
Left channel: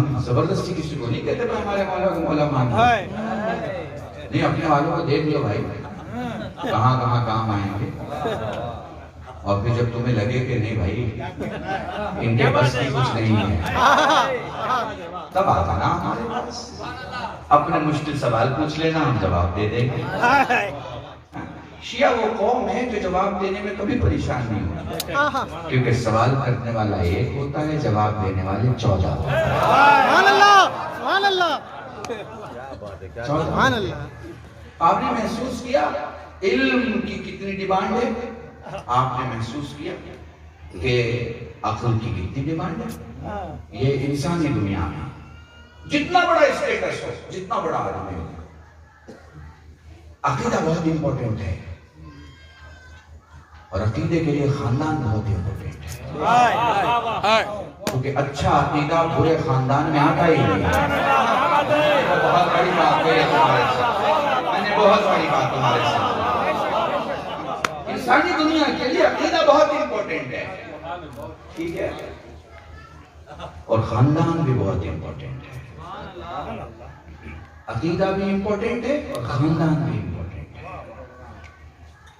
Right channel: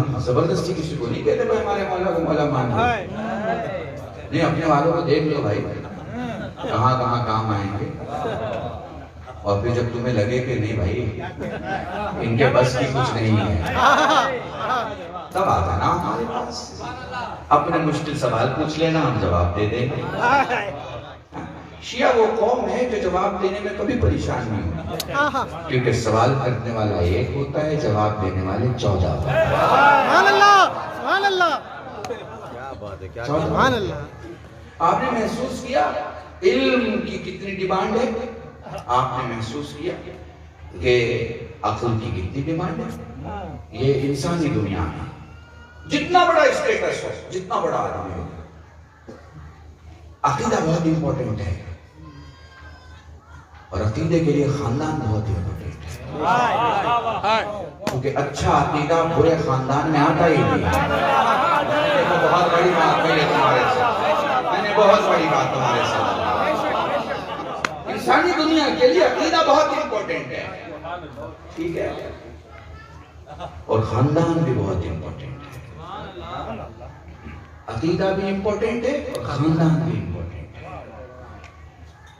ہم زبردستی کسی کو نہیں کہتے میں ہمارے مولا کو مولا مان لو. نہیں, اپنے والوں کو دیکھ لو بھائی کہاں کہاں کام آئیں گے, اور پھر جب تمہیں لگے کہ نہیں بھائی ان کے بس کی کچھ نہیں ہے تب آ جانا ہمارے پاس, اپنے مشکل سوال پوچھ لینا, ہم جواب دے دیں گے. شیعہ وہ قوم ہے جو جواب دینے میں کبھی پریشان نہیں ہوتی, کیونکہ سوال کرنے والا ایک ہوتا ہے, جواب دینے والے 14 ہوتے ہیں. سبحان اللہ, سبحان اللہ, سبحان اللہ. آپ نے محسوس کیا علم کی کتنی ڈیمانڈ ہے, آپ نے محسوس کیا کہ عقل کی کتنی ڈیمانڈ ہے. یہ انسانی دنیا میں جتنا بڑا اسٹیٹس ہو, جتنا بڑا آدمی ہو, عقیدہ بہت امپورٹنٹ ہے, اور عقیدے کے لیے خاندان بہت امپورٹنٹ ہے, کیونکہ اچھا عقیدہ برے خاندان میں آتا ہی نہیں ہے. بہت بڑی بات ہے تمہارے ساتھ, میں نے بہت بڑی بات تمہارے ساتھ. انسانی دنیا کے لیے عقیدہ بہت امپورٹنٹ ہے, ٹھیک ہے, اور خاندان بھی بہت امپورٹنٹ ہے. عقیدہ بھی امپورٹنٹ ہے اور خاندان بھی امپورٹنٹ ہے.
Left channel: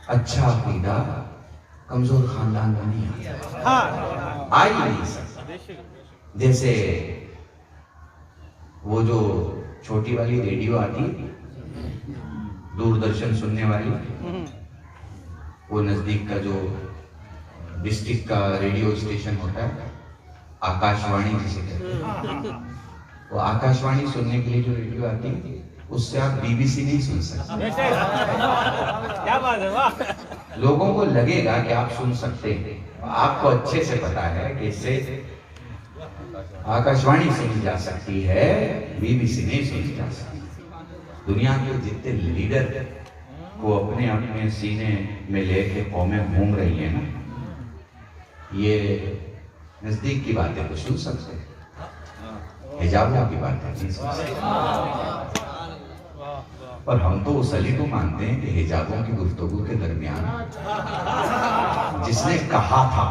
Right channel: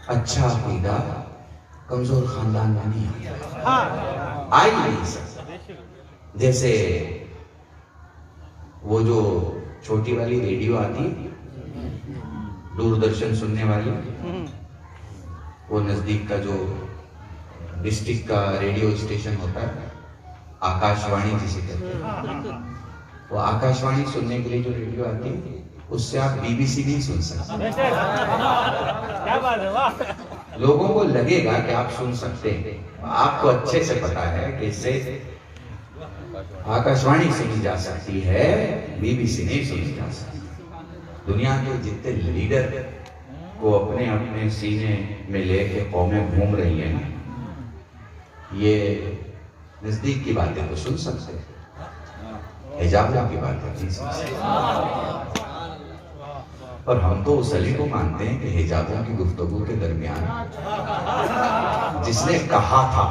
اچھا عقیدہ کمزور خاندان میں نہیں آ ہی نہیں سکتا. جیسے وہ جو چھوٹی والی ریڈیو آتی دوردرشن سننے والی, وہ نزدیک کا جو ڈسٹرکٹ کا ریڈیو اسٹیشن ہوتا ہے, آکاش وانی جسے کہتے ہیں, وہ آکاش وانی سننے کے لیے جو ریڈیو آتی ہے اس سے آپ بی بی سی نہیں سن سکتے. لوگوں کو لگے گا کہ آپ سن سکتے ہیں, آپ کو اچھے سے پتا ہے کہ اس سے آکاش وانی سنی جا سکتی ہے, بی بی سی نہیں سنی جا سکتی. دنیا کے جتنے لیڈر کو اپنے اپنے سینے میں لے کے قومیں گھوم رہی ہیں, یہ نزدیک کی باتیں تو سن سکتے ہیں, حجابہ کی باتیں نہیں سن سکتے. اور ہم تو اس علی کو مانتے ہیں کہ حجابوں کی گفتگو کے درمیان جس نے کہا تھا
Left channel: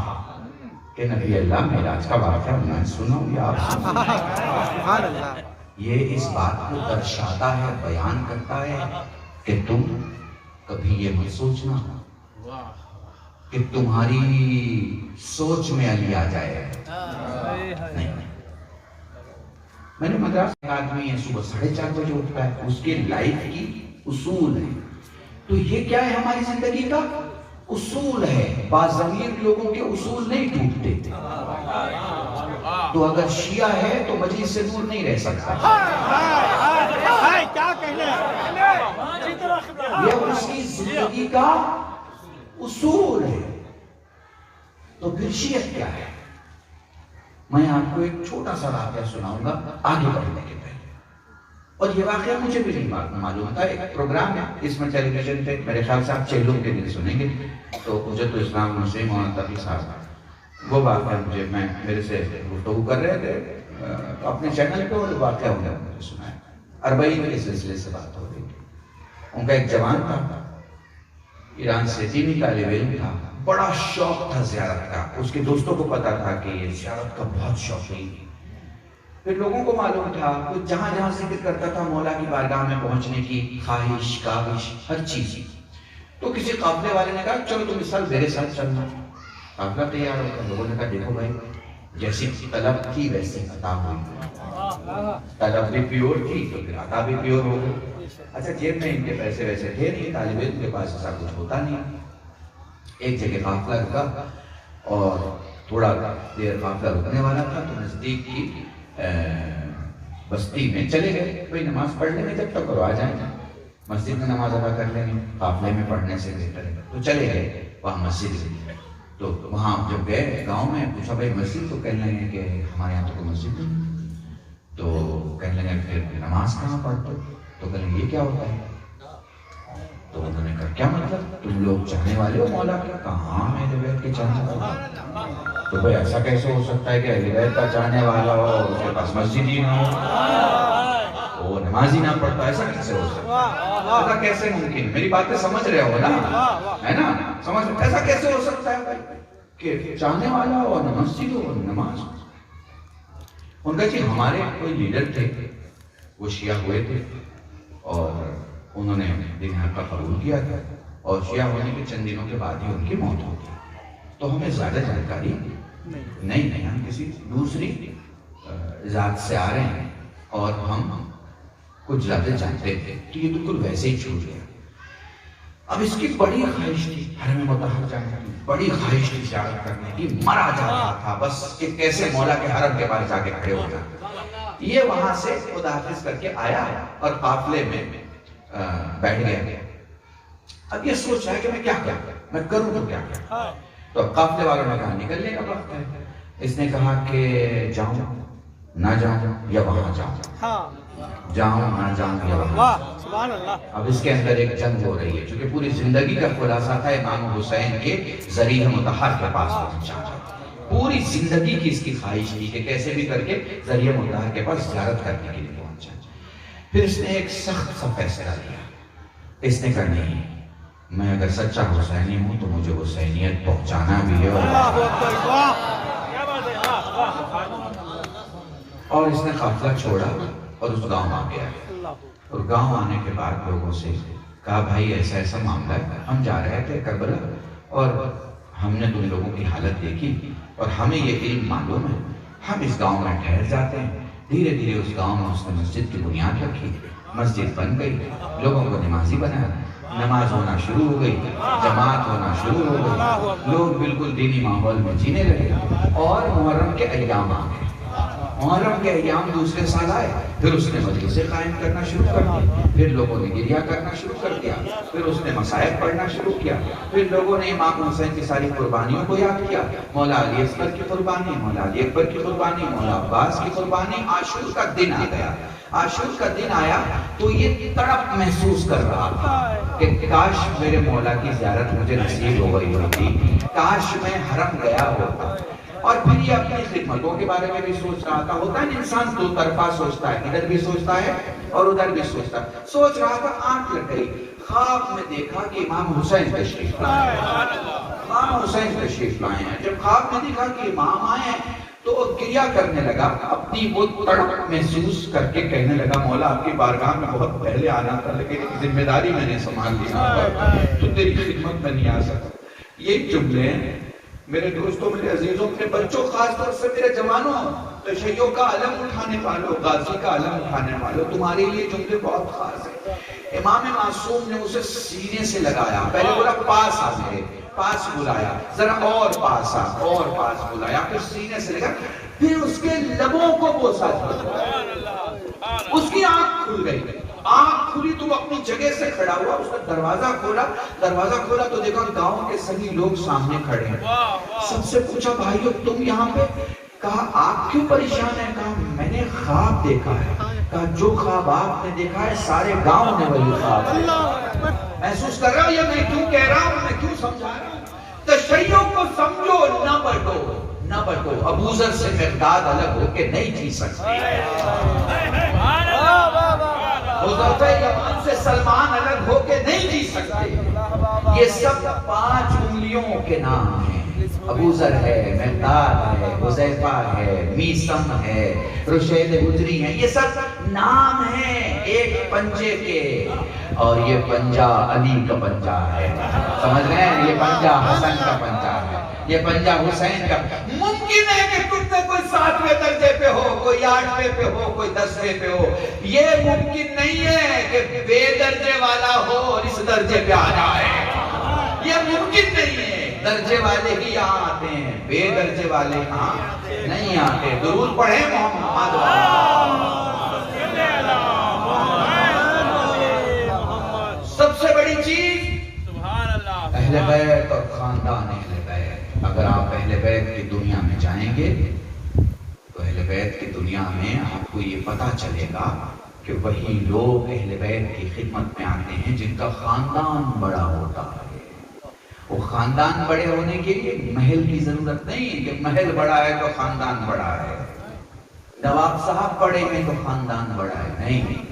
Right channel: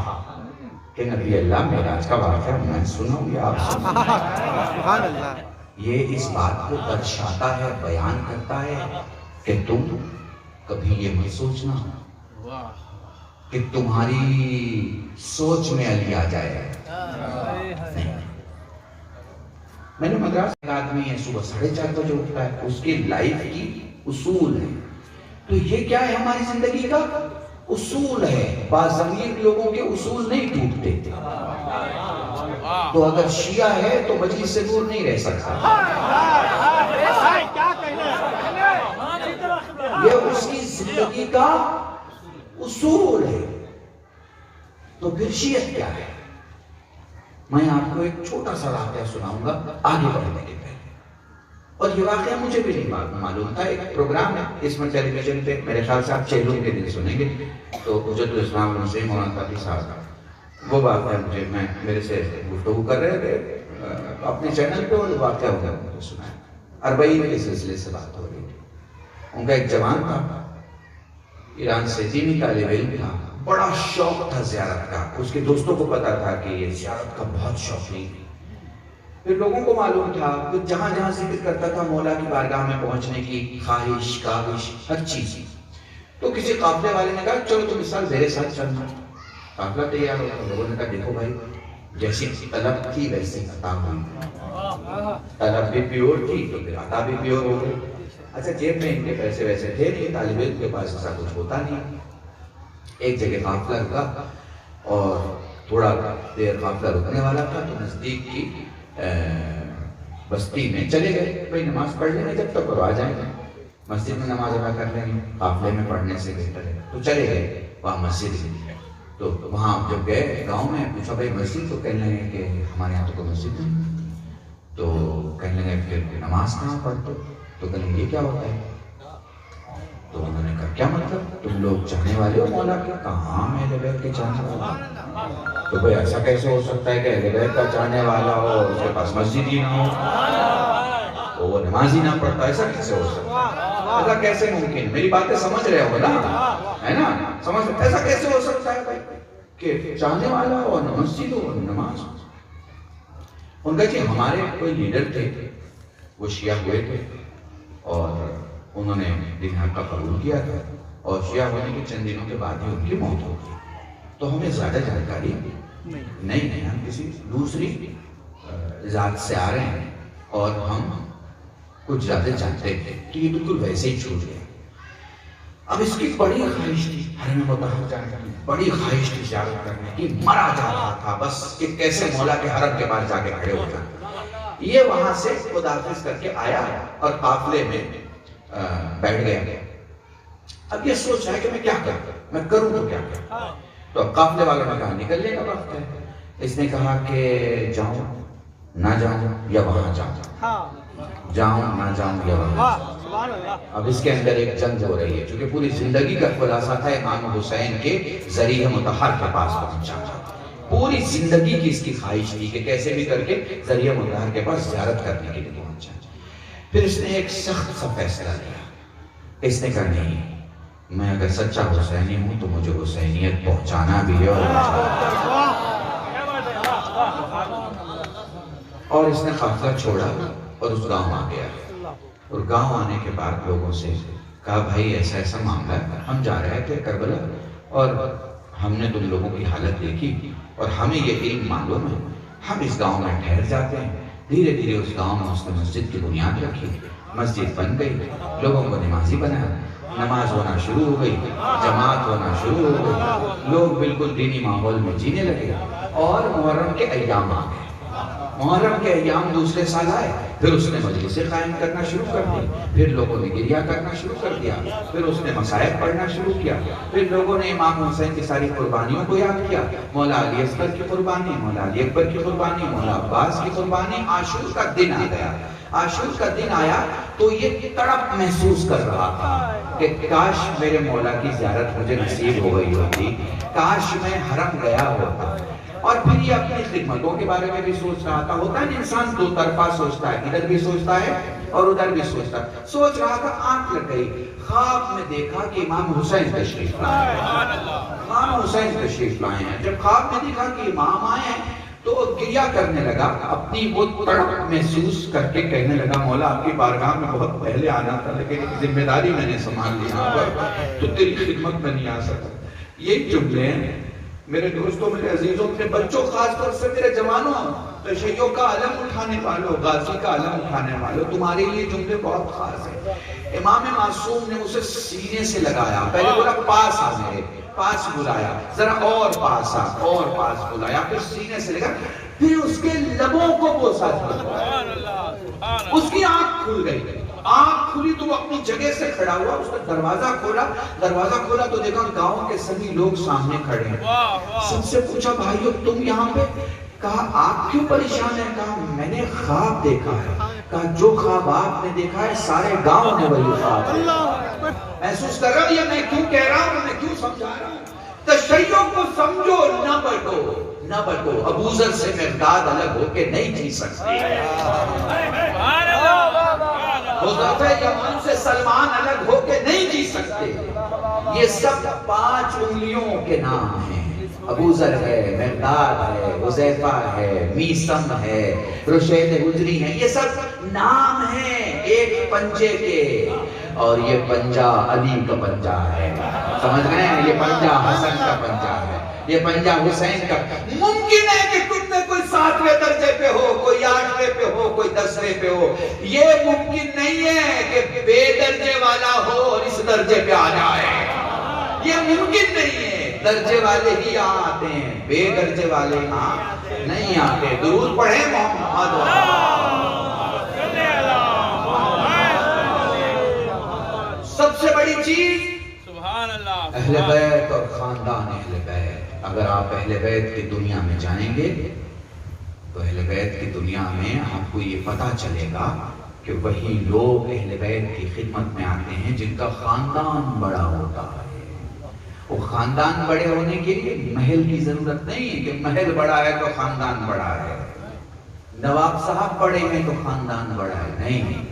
کہ نبی اللہ معراج کا واقعہ میں سنوں یا آپ سبحان اللہ, یہ اس بات کو درشاتا ہے, بیان کرتا ہے کہ تم کبھی یہ مت سوچنا کہ تمہاری سوچ میں علی آ جائے گا. نہیں, میں نے مدراس ایک آدمی ہے صبح 4:30 بجے اٹھتا ہے, اس کی لائف کی اصول ہے. تو یہ کیا ہے ہماری زندگی کا اصول ہے. باضمیر لوگوں کے اصول نہیں ٹوٹتے. تو اگر شیعہ ہے تو مجلس سے دور نہیں رہ سکتا, یہ اس کی زندگی کا اصول ہے. تو پھر شیعت کیا ہے؟ میں آپ کو ایک چھوٹا سا واقعہ سناؤں گا آگے بڑھنے کے پہلے, اور یہ واقعہ مجھے بھی نہیں معلوم تھا. ایک پروگرام ہے اس میں ٹیلی ویژن پہ, میرے خیال سے آپ چہلوں کے دن سنیں گے, تو حجت الاسلام مسیح مولانا تقی صاحب وہ واقعہ مجھے میرے سے گفتگو کر رہے تھے اپنے چینل پہ, اور واقعہ انہوں نے مجھے سنا. 40 کے سلسلے سے بات ہو رہی تھی. ان کا ایک جوان تھا, ایران سے دینی طالب علم تھا, بڑا شوق تھا زیارت کا. اس کے دوستوں کو پتا تھا کہ یہ زیارت کا بہت شوق نہیں. پھر لوگوں کو معلوم تھا کہ جہاں جہاں ذکر کرتا تھا مولا کی بارگاہ میں پہنچنے کی خواہش, کاوش, ہر چیز. تو کسی قافلے والے نے کہا چلو تم اس سال میرے ساتھ چلنا. قافلہ تیار ہوا. لوگوں نے کہا دیکھو بھائی, جیسی طلب تھی ویسے عطا ہوئی. طلب بھی پیور تھی تو پھر عطا بھی پیور ہو گئی. اچھا, جیب میں ان کے پیسے ویسے تھے نہیں, طالب علم کے پاس ایسا کچھ ہوتا نہیں. ایک جگہ قافلہ رکا, اور تھوڑا دیر قافلہ رکنے والا تھا, تو نزدیک کی بستی میں چلے گئے. بھائی نماز پڑھ لیں گے جب تک, اور آ جائیں گے, مسجد میں نماز ادا کر لیں گے, قافلے میں پڑھنے سے بہتر ہے. تو چلے گئے وہاں مسجد میں. تو وہاں جب گئے گاؤں میں, پوچھا بھائی مسجد, تو کہنے لگے کہ ہمارے یہاں تو کوئی مسجد نہیں. تو کہنے لگے پھر نماز کہاں پڑھتے؟ تو کہنے لگے یہ کیا ہوتا ہے؟ تو انہوں نے کہا کیا مطلب, تم لوگ چاہنے والے ہو مولا کے؟ کہاں اہل بیت کے چاہنے والے. تو بھائی ایسا کیسے ہو سکتا ہے کہ اہل بیت کا چاہنے والا ہو اور اس کے پاس مسجد ہی نہ ہو, وہ نماز ہی نہ پڑھتا, ایسا کیسے ہو سکتا ہے؟ ایسا کیسے ممکن؟ میری باتیں سمجھ رہے ہو نا, ہے نا, سمجھ, ایسا کیسے ہو سکتا ہے بھائی کہ چاہنے والا ہو اور مسجد ہو اور نماز ہو؟ ان کا کہ ہمارے کوئی لیڈر تھے، وہ شیعہ ہوئے تھے اور انہوں نے دین حق کا قبول کیا تھا اور شیعہ ہونے کے چند دنوں کے بعد ہی ان کی موت ہو گئی. تو ہمیں زیادہ جانکاری نہیں ہے، ہم کسی دوسری ذات سے آ رہے ہیں اور ہم کچھ زیادہ جانتے ہیں، تو یہ بالکل ویسے ہی چھوٹ گیا. اب اس کی بڑی خواہش تھی حرم مطہر جانے کی، بڑی خواہش تھی زیارت کرنے کی، مرا جا رہا تھا بس کہ کیسے مولا کے حرم کے پاس جا کے کھڑے ہو جائے. یہ وہاں سے خداحافظ کر کے آیا اور قافلے میں بیٹھ گیا. اب یہ سوچ رہا ہے کہ میں کیا میں کروں تو کیا. تو قافلے والوں نے کہا نکلنے کا وقت ہے. اس نے کہا کہ جاؤں نہ جاؤں یا وہاں جاؤں، جاؤں نہ جاؤں یا وہاں. اب اس کے اندر ایک جنگ ہو رہی ہے، چونکہ پوری زندگی کا خلاصہ تھا امام حسین کے ذریعہ مطہر کے پاس پہنچا. پوری زندگی کی اس کی خواہش تھی کہ کیسے بھی کر کے ذریعہ مطہر کے پاس زیارت کرنے کے لیے پہنچا. پھر اس نے ایک سخت سا فیصلہ لیا. اس نے کہا نہیں، میں اگر سچا حسینی ہوں تو مجھے حسینیت پہنچانا بھی ہے. اور اس نے قافلہ چھوڑا اور اس گاؤں آ گیا. اور گاؤں آنے کے بعد لوگوں سے کہا بھائی ایسا ایسا معاملہ ہے، ہم جا رہے تھے کربلا اور ہم نے تم لوگوں کی حالت دیکھی اور ہمیں یہ علم معلوم ہے، ہم اس گاؤں میں ٹھہر جاتے ہیں. دھیرے دھیرے اس گاؤں میں اس نے مسجد کی بنیاد رکھی، مسجد بن گئی، لوگوں کو نمازی بنایا، نماز ہونا شروع ہو گئی، جماعت ہونا شروع ہو گئی، لوگ بالکل دینی ماحول میں جینے لگے. اور محرم کے ایام آ گئے. محرم کے ایام دوسرے سال آئے، پھر اس نے مجلسیں قائم کرنا شروع کر دی، پھر لوگوں نے گریہ کرنا شروع کر دیا، پھر اس نے مصائب پڑھنا شروع کیا، پھر لوگوں نے امام حسین کی ساری قربانیوں کو یاد کیا، مولا علی اصغر کی قربانی، مولا علی اکبر کی قربانی، مولا عباس کی قربانی. عاشور کا دن آ گیا. عاشور کا دن آیا تو یہ تڑپ محسوس کر رہا تھا کہ کاش میرے مولا کی زیارت مجھے نصیب ہو گئی ہوتی، کاش میں حرم گیا ہوتا. اور پھر یہ اپنی خدمتوں کے بارے میں بھی سوچ رہا تھا. ہوتا ہے انسان دو طرفہ سوچتا ہے، ادھر بھی سوچتا ہے اور ادھر بھی سوچتا ہے. سوچ رہا تھا، آنکھ لگ گئی، خواب میں دیکھا کہ امام حسین تشریف لائے ہیں. امام حسین تشریف لائے ہیں. جب خواب میں دیکھا کہ امام آئے ہیں تو وہ گریہ کرنے لگا، اپنی وہ تڑپ محسوس کر کے کہنے لگا مولا آپ کی بارگاہ میں بہت پہلے آنا تھا، لیکن ایک ذمہ داری میں نے سنبھال لی یہاں پر، تو تیری خدمت میں نہیں آ سکتا. یہ جملے میرے دوستوں، میرے عزیزوں، اپنے بچوں، خاص طور سے میرے جوانوں، تشیعوں کا علم اٹھانے والوں، غازی کا علم اٹھانے والوں، تمہارے لیے جملے بہت خاص ہیں. امام معصوم نے اسے سینے سے لگایا. پہلے بولا پاس آ گئے، پاس بلایا، ذرا اور پاس آ، اور پاس بلایا، پھر سینے سے لگا، پھر اس کے لبوں کو بوسا. اس کی آنکھ کھل گئی. آنکھ کھلی تو وہ اپنی جگہ سے کھڑا ہوا. اس نے دروازہ کھولا تو دیکھا گاؤں کے سبھی لوگ سامنے کھڑے ہیں. سب سے پوچھا بھائیو تم یہاں پہ؟ کہا آپ کیوں پریشان ہیں؟ کہا میں نے خواب دیکھا ہے. کہا جو خواب آپ نے دیکھا ہے سارے گاؤں نے وہی خواب محسوس کر رہا ہوں. یہ میں کیوں کہہ رہا ہوں، میں کیوں سمجھا رہا ہوں؟ تشیع کو سمجھو، نہ بٹو. ابو ذر سے مقداد الگ ہو کے نہیں جی سکتے، حذیفہ یمان سے سلمان الگ ہو کے نہیں جی سکتے. یہ سب 5 انگلیوں کے نام ہیں. ابو ذر ہے، مقداد ہے، حذیفہ ہے، میثم ہے، رشید حجری ہیں. یہ سب نام ہیں ایک پنجے کے. اور یہ پنجہ علی کا پنجہ ہے. سمجھ رہے ہیں؟ یہ پنجہ حسن کا پنجہ ہے، یہ پنجہ حسین کا. ممکن ہے کہ تم میں کوئی 7ویں درجے پہ ہو، کوئی 8ویں پہ ہو، کوئی 10ویں پہ ہو. یہ ممکن نہیں ہے کہ بے درجے والا ہو اور اس درجے پہ آ جائے. یہ ممکن نہیں ہے. درجے والے ہی یہاں آتے ہیں، بے درجے والے یہاں نہیں آتے. درود پڑھیں محمد. سب سے بڑی چیز اہل بیت اور خاندان اہل بیت. اگر آپ اہل بیت کی دنیا میں جائیں گے تو اہل بیت کی دنیا میں آپ کو یہ پتا چلے گا کہ وہی لوگ اہل بیت کی خدمت میں آتے ہیں جن کا خاندان بڑا ہوتا ہے. وہ خاندان بڑے ہونے کے لیے محل کی ضرورت نہیں ہے کہ محل بڑا ہے تو خاندان بڑا ہے، نواب صاحب بڑے ہیں تو خاندان بڑا ہے. نہیں،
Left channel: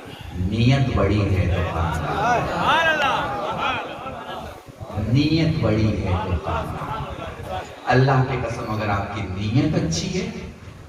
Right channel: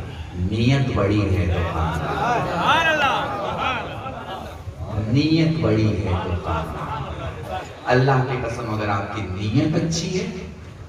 نیت بڑی ہے تو خاندان، نیت بڑی ہے تو خاندان. اللہ کی قسم اگر آپ کی نیت اچھی ہے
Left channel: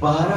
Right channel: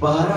12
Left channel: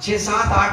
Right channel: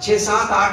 6, 7, 8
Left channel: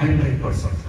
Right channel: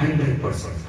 100%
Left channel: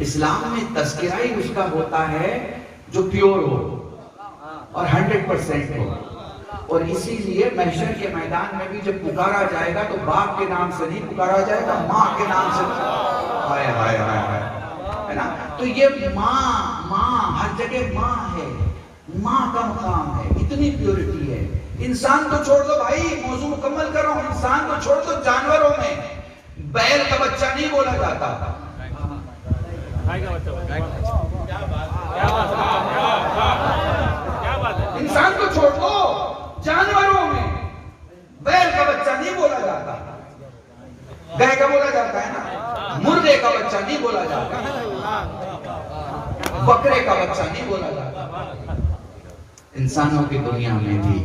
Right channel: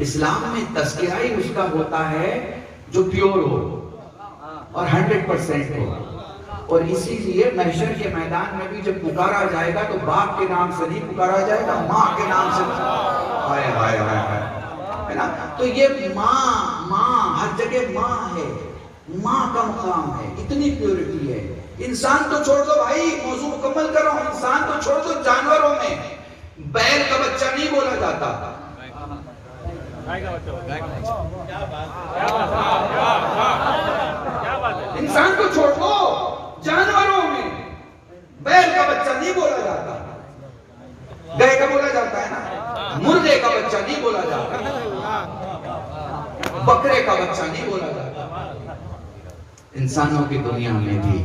اسلام میں تذکرہ ہی اس کا ہوتا ہے جو پیور ہو اور 100% ہو. اور اسی لیے محشر کے میدان میں بھی جب پکارا جائے گا تو باپ کے نام سے نہیں پکارا جائے گا, ماں کے نام سے. ہائے ہائے ہائے, ہے نا. تو یہ ماں ہر جگہ ماں ہے, ماں کا مقام ہے, اتنی پیورٹی ہے. انسان تو چھوڑ دو بھائی, موضوع مکمل کر رہا ہوں, انسان تو چھوڑ دو, جانوروں میں بیل کا بچہ نہیں بولا جاتا. انسان کو چھوڑ دو, جانوروں میں بیل کا بچہ نہیں بولا جاتا. گائے کا بولا جاتا ہے نا, مردے کا بچہ نہیں بولا جاتا, بکرے کا بچہ نہیں بولا جاتا. انسانوں کی دنیا میں بھی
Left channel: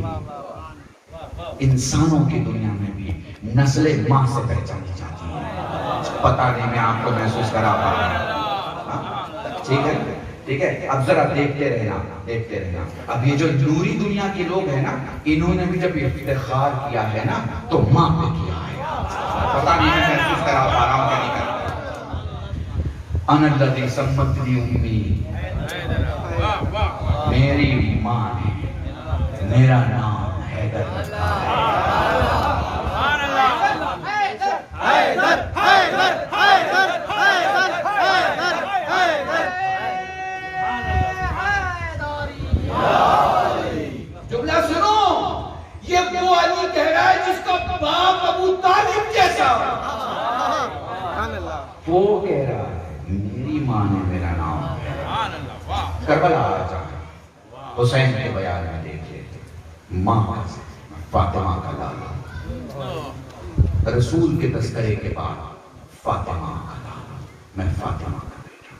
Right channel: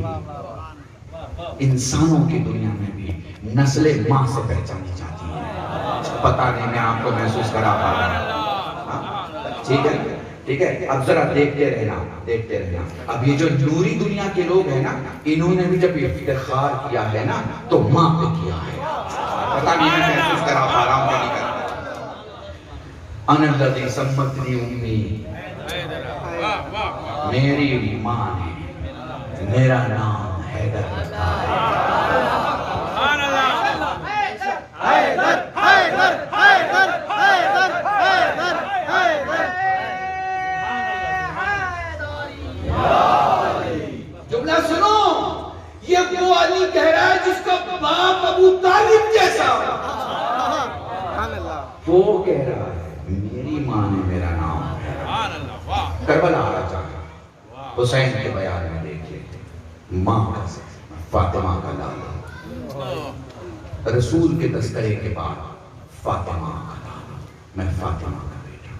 نسل ماں سے پہچانی جاتی ہے. پتہ نہیں میں آپ کو محسوس کرا رہا ہوں. ٹھیک ہے, اب ذرا دیکھتے رہنا. اب یہ جو نوری دنیا کے لوگ ہیں نا, انہوں نے بھی جب افتخار کیا ہے نا تو ماں پہ کیا ہے. پتہ نہیں میں محسوس کرا پا رہا ہوں کہ نہیں کرا. انا الذی سمتنی امی, میری ماں ہے, میرا نام حیدر. جملہ سنو, یہ وہ علی کہہ رہا ہے جس کا باپ ابو طالب جیسا. وہ کہہ رہا ہے میری ماں نے میرا نام ہے. کربلا راجا حسین کے بیان میں دیکھیے, ماں فاطمہ کا لالا, رسول کے تذکرے کے بعد فاطمہ کا لالا, میں فاطمہ کا بیٹا.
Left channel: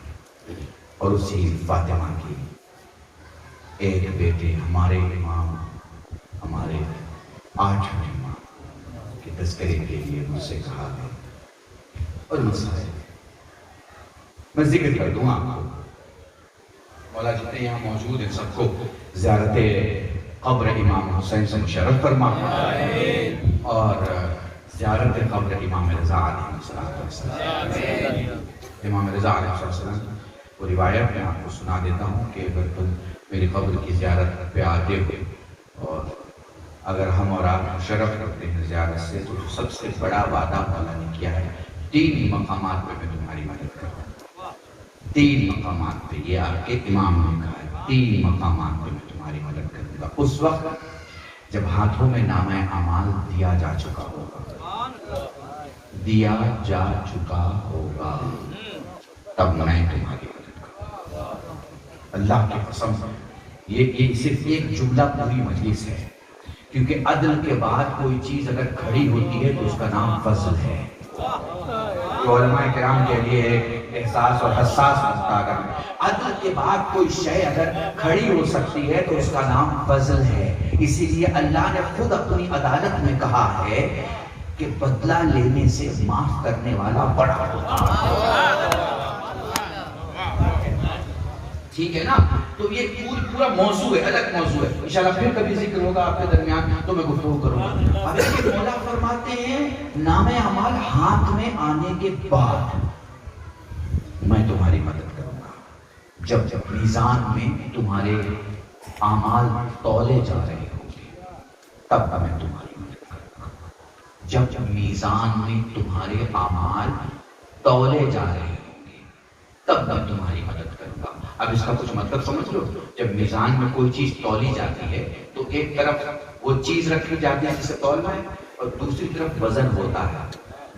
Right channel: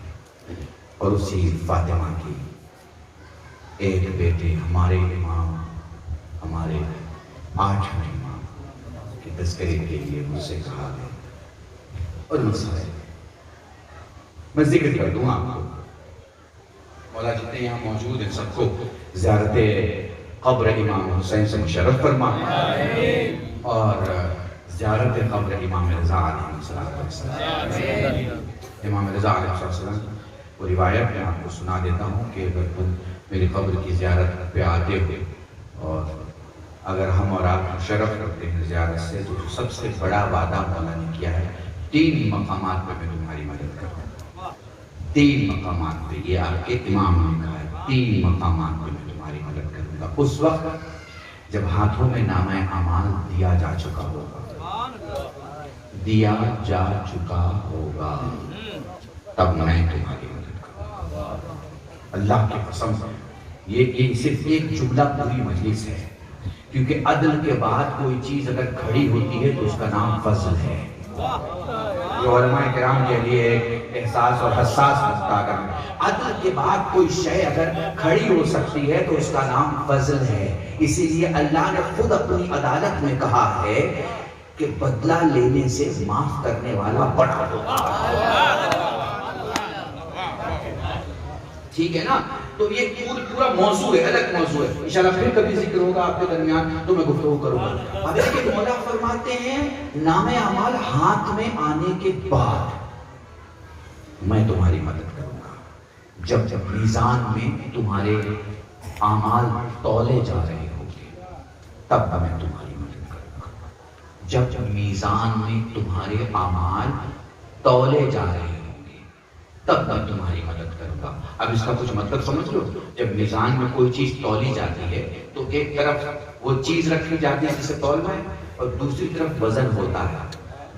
اور اسی فاطمہ کی ایک بیٹے ہمارے امام, ہمارے 8 امام کے تذکرے کے لیے مجھ سے کہا ہے. اور مسئلہ میں ذکر کر دوں آپ کو, مولا جتنے یہاں موجود ہیں سب کو زیارت قبر امام حسین سے مشرف فرما, اور زیارت قبر امام رضا علیہ السلام. امام رضا علیہ السلام کو روایت میں آپ کو سنا دیتا ہوں کہ اگر تم میری قبر کی زیارت پہ آتے ہو, اور اگر ہم اور آپ شرف کرتے ہیں زیارت سے, تو سب سے بڑا وعدہ مولا نے کیا ہے 3 مقامات پہ میں تمہاری مدد کروں. 3 مقامات پہ, یہ آپ کے امام نے کہا ہے 3 مقامات پہ میں تمہاری مدد کروں گا. اس وقت جب ہاتھوں میں نامہ اعمال دیا جا چکا ہوگا, تب میں تمہاری مدد کروں گا. اللہ کی قسم, یہ صرف ایک جملہ پوری مجلس ہے, کیونکہ عدل کے بعد کوئی چیز اگر کھڑی ہوتی ہے تو اس کا نام فضل ہے. جو علماء کرام کے لیے ایک احساس اور حساس نقطہ, اگر عدل کے بعد کوئی شے اگر کھڑی ہو سکتی ہے تو اس کا نام فضل ہے. اسی لیے اللہ نے خود اپنی عدالت میں کہا ہے کہ بدلہ لینے سے معاف کرنے والا بڑا ہوتا ہے. ٹھیک ہے نا. تو یہ پورا موضوع ہے, الگ موضوع ہے. انشاءاللہ پھر کبھی ذکر ہوگا آپ کے درمیان تو میں گفتگو کروں گا. اب یہ مولا فرماتے ہیں نامہ اعمال ہاتھ میں آنے کے بعد میں تمہاری مدد کروں گا. جب میزان میں تمہارے اعمال تولے جا رہے ہوں گے تب میں تمہاری مدد کروں گا. جب میزان میں تمہارے اعمال تولے جا رہے ہوں گے تب میں تمہاری مدد کروں گا. اب اس کا کچھ مطلب سمجھ لو. جب میزان میں کوئی چیز تولی جاتی ہے تو ایک طرف وہ چیز رکھی جاتی ہے جسے تولنا ہے, اور دوسری طرف وزن ہوتا ہے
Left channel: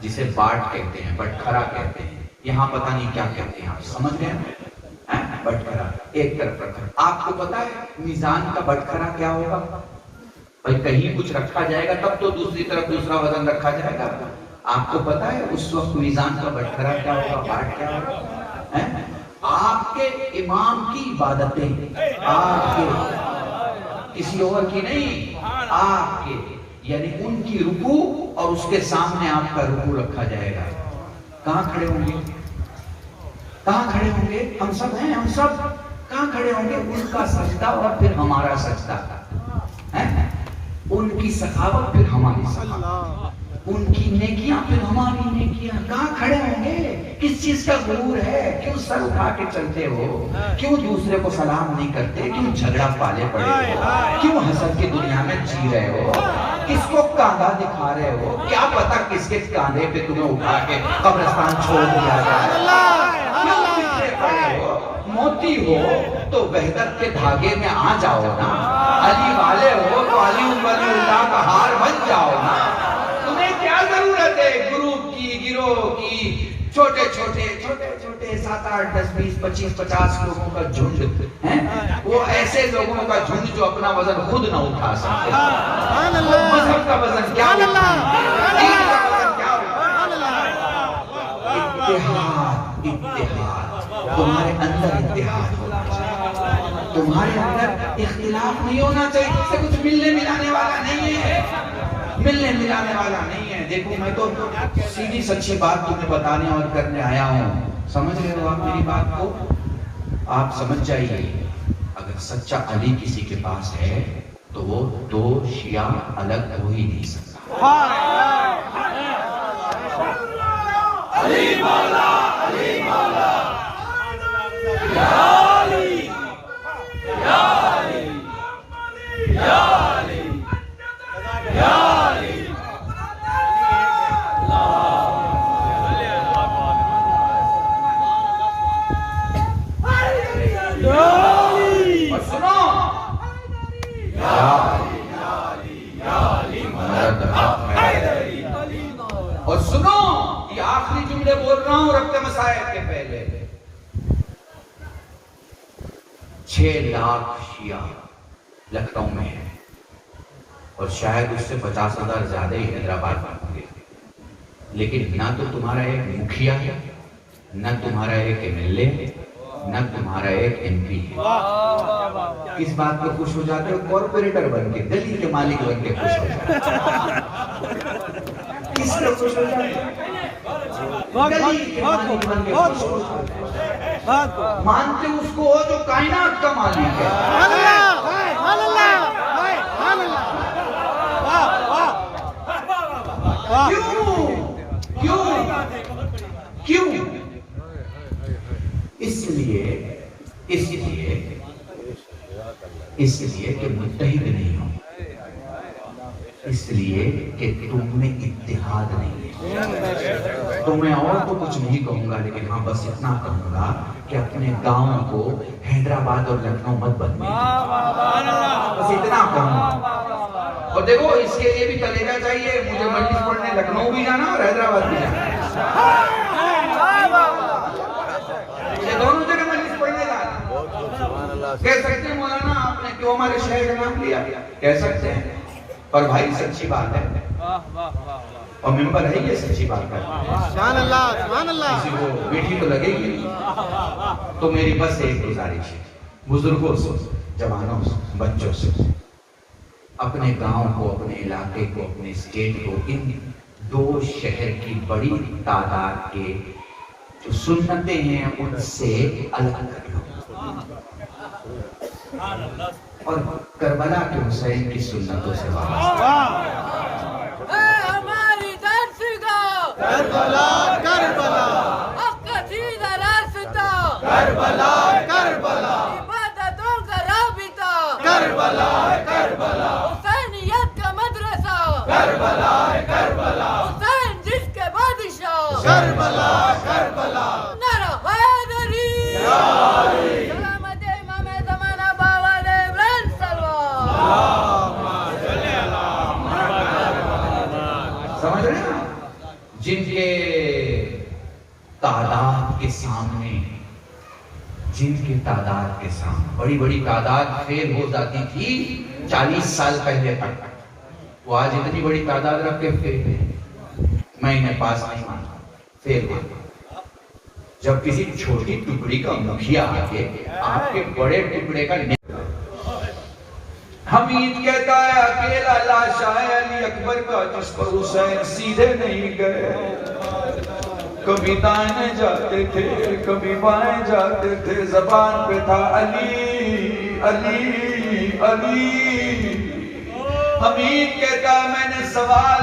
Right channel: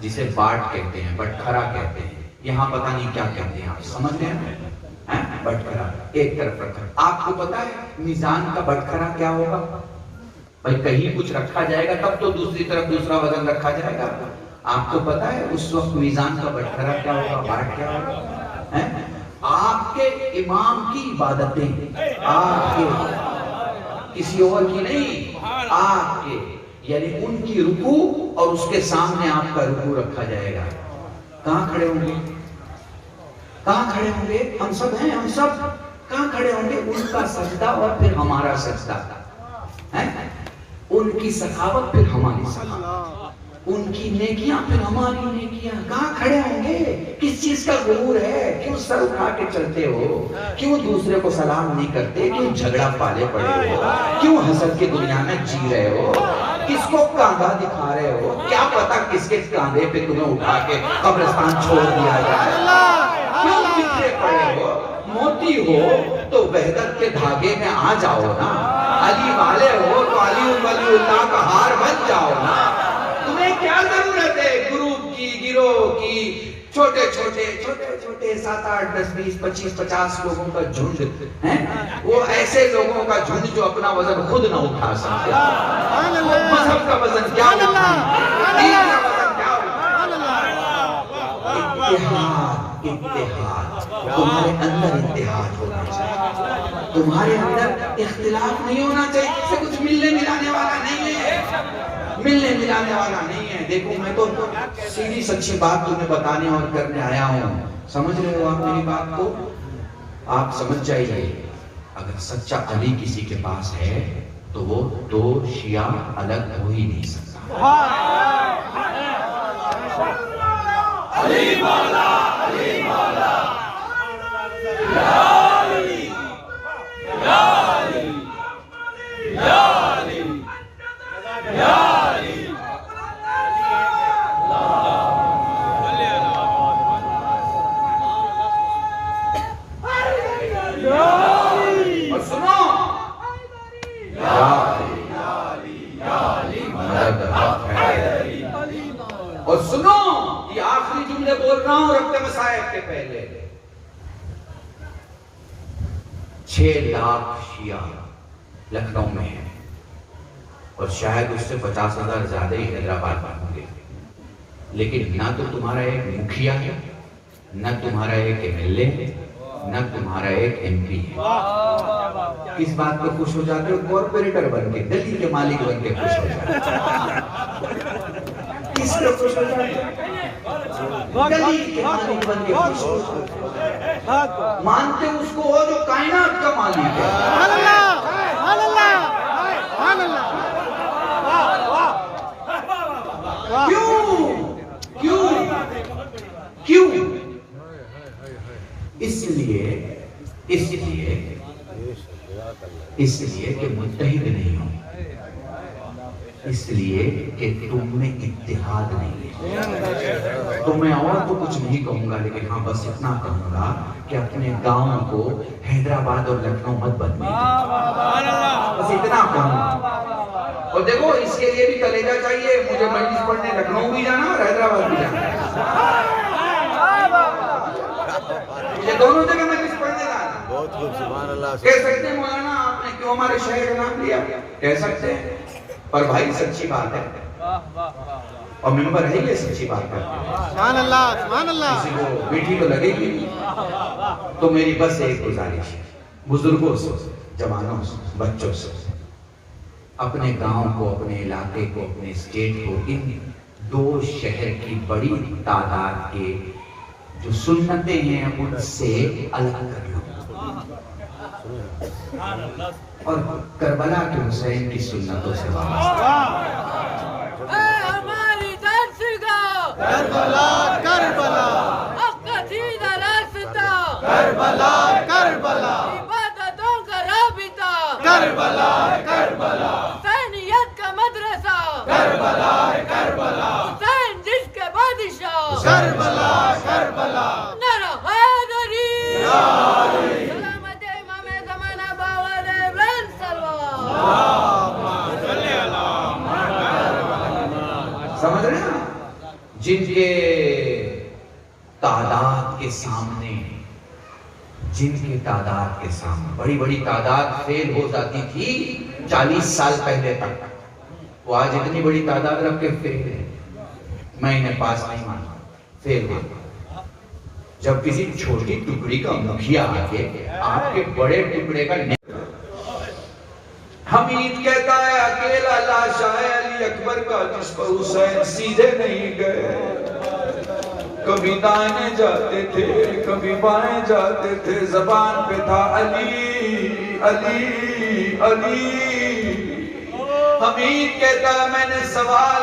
جسے باٹ کہتے ہیں, بٹکھرا کہتے ہیں. یہاں پتہ نہیں کیا کہتے ہیں, آپ سمجھ گئے؟ بٹکھرا ایک طرف رکھا. آپ کو پتا ہے میزان کا بٹکھرا کیا ہوگا؟ بھائی کہیں کچھ رکھا جائے گا تب تو دوسری طرف دوسرا وزن رکھا جائے گا. آپ کو پتا ہے اس وقت میزان کا بٹکھرا کیا ہوگا, باٹ کیا ہوگا؟ آپ کے امام کی عبادتیں, آپ کے, کسی اور کی نہیں, آپ کے, یعنی ان کی رکوع, اور اس کے سامنے آپ کا رکوع رکھا جائے گا. کہاں کھڑے ہوں گے؟ کہاں کھڑے ہوں گے؟ ہم سب ہیں, ہم سب کہاں کھڑے ہوں گے؟ ان کا سجدہ اور پھر ہمارا سجدہ, ان کی سخاوت پھر ہماری سخاوت. ان کی نیکیاں پھر ہماری نیکیاں کہاں کھڑے ہوں گے؟ کس چیز کا غرور ہے؟ کیوں سر اٹھا کے چلتے ہو؟ کیوں دوسرے کو سلام نہیں کرتے؟ کیوں جھگڑا پالے پڑے ہو؟ کیوں حسد کی دنیا میں جی رہے ہو؟ کس کو کاندھا دکھا رہے ہو؟ کیا پتا کس کے کاندھے پہ تمہیں اٹھا کے قبرستان چھوڑ دیا جائے؟ کیوں بکھرے پڑے ہو؟ موتی ہو تو وحدت کے دھاگے میں آ جاؤ نا. علی والے ہو تو علی اللہ کا ہار بن جاؤ نا. تمہیں کیا ضرورت ہے گروپ کی، گروہ کی، چھوٹے چھوٹے 7 8 10 20 25 50 لوگوں کا جھنڈ ہے؟ وہ ایسے لوگوں کا جھنڈ جو اپنا وزن خود نہ اٹھا سکتے. مذہب کا وزن کیا ہوتا ہے؟ دین کا وزن کیا ہوتا ہے؟ اتحاد، اتحاد. تمہارے اندر اتحاد ہونا چاہیے، تمہارے اندر اختلاف نہیں ہونا چاہیے. اس سے کچھ ملنے ملانے والا نہیں ہے، ملنے ملانے والا نہیں ہے. دیکھو میں تو سیدھی سچی بات تمہیں بتانے اور کرنے آیا ہوں. سمجھ رہے ہو آپ میری بات کو؟ آپ سمجھ جائیے، اگر سچا علی کسی کے پاس ہے تو وہ 2 شیعہ الگ ہو ہی نہیں سکتا. علی مولا، علی مولا، یا علی، یا علی، یا علی، یا علی. اور سنو، یا علی، یا علی، یا علی مدد حق ہے. اور سنو، یہ آخری جملے بول رہا ہوں ربط مسائل کے پہلے. 6 لاکھ شیعہ لکھنؤ میں ہے اور شاید اس سے 50,000 زیادہ ہی حیدرآباد میں ہوں گے. لیکن نہ تو تمہارا ایک مکھیا ہے، نہ تمہارا ایک MLA ہے، نہ تمہارا ایک MP ہے. اس بات پہ خوش ہو جاتے ہو؟ کارپوریٹر بن کے، دلی کے مالک بن کے خوش ہو جاتے ہو. کس سے خوش ہو جاتے ہو؟ دلی کے مالک بن کے خوش ہو جاتے ہو. مانتے اس کو ہو جو کائنات کا مالک ہے. کیوں؟ کیوں؟ اس لیے کہ متحد نہیں ہو، اس لیے کہ تم میں اتحاد نہیں ہے. تو میں اور تو کچھ نہیں کہوں گا، لیکن ہاں بس اتنا کہوں گا کہ اپنے گاؤں کو حیدرآباد اور لکھنؤ مت بدلے. بس اتنا کہوں گا. اور دیکھو اس کے لیے بھی کلیجہ چاہیے. مجھے مجلس پڑھنے لکھنؤ بھی جانا اور حیدرآباد بھی جانا. مجھے دونوں جگہ مجلس پڑھنے جانا. کہہ سکتے ہیں مولانا آپ نے کیوں ہمارے شہر کا نام لیا؟ کہہ سکتے ہیں، پر بھائی سچی بات ہے اور ممبر ہے یہ سچی بات کرتے ہیں. سبحان اللہ، سبحان اللہ. کسی کو میٹھی تو لگے گی. تو میری بس ایک گزارش ہے بزرگوں سے، جوانوں سے، بچوں سے، اپنے گاؤں کو، اپنے علاقے کو، اپنے اسٹیٹ کو ان 2 شہر کی بڑی تعداد کے جو سنتیں ہیں ان سے الگ کر لو اور کربلا کے حسین کی سنتوں سے وابستہ. اے ہماری درسگاہ کربلا، کربلا، عقیدہ راستہ کربلا، کربلا، عبادتوں کا رابطہ کربلا، کربلا، حسینیت کا مدرسہ کربلا، کربلا، حسین جس کے بادشاہ کربلا، کربلا. نعرہ حیدری، علی. سلامت امام زمانہ باوال ابراہیم سلوان. اللہم صلی علی محمد. سمجھ رہے ہیں؟ جن کے تعداد کے سامنے، جن کے تعداد کے سامنے بڑی بڑی تعداد فیل ہو جاتی تھی 40 سال پہلے تک، وہ آج اتنی بڑی تعداد رکھ کے فیل ہے. میں انہیں پاس نہیں مانتا، فیل ہے. جب کسی چھوٹی ٹکڑی کا مکھیا آ کے آپ کے بڑے ٹکڑے کا حمید کہتا ہے اکیلا لاشا ہے علی اکبر کا جس پر حسین سیدھے نہیں گئے. کبھی دائیں جاتے تھے، کبھی بائیں جاتے تھے، زبان پہ تھا علی علی علی. حمید کہتا ہے میں نے سوال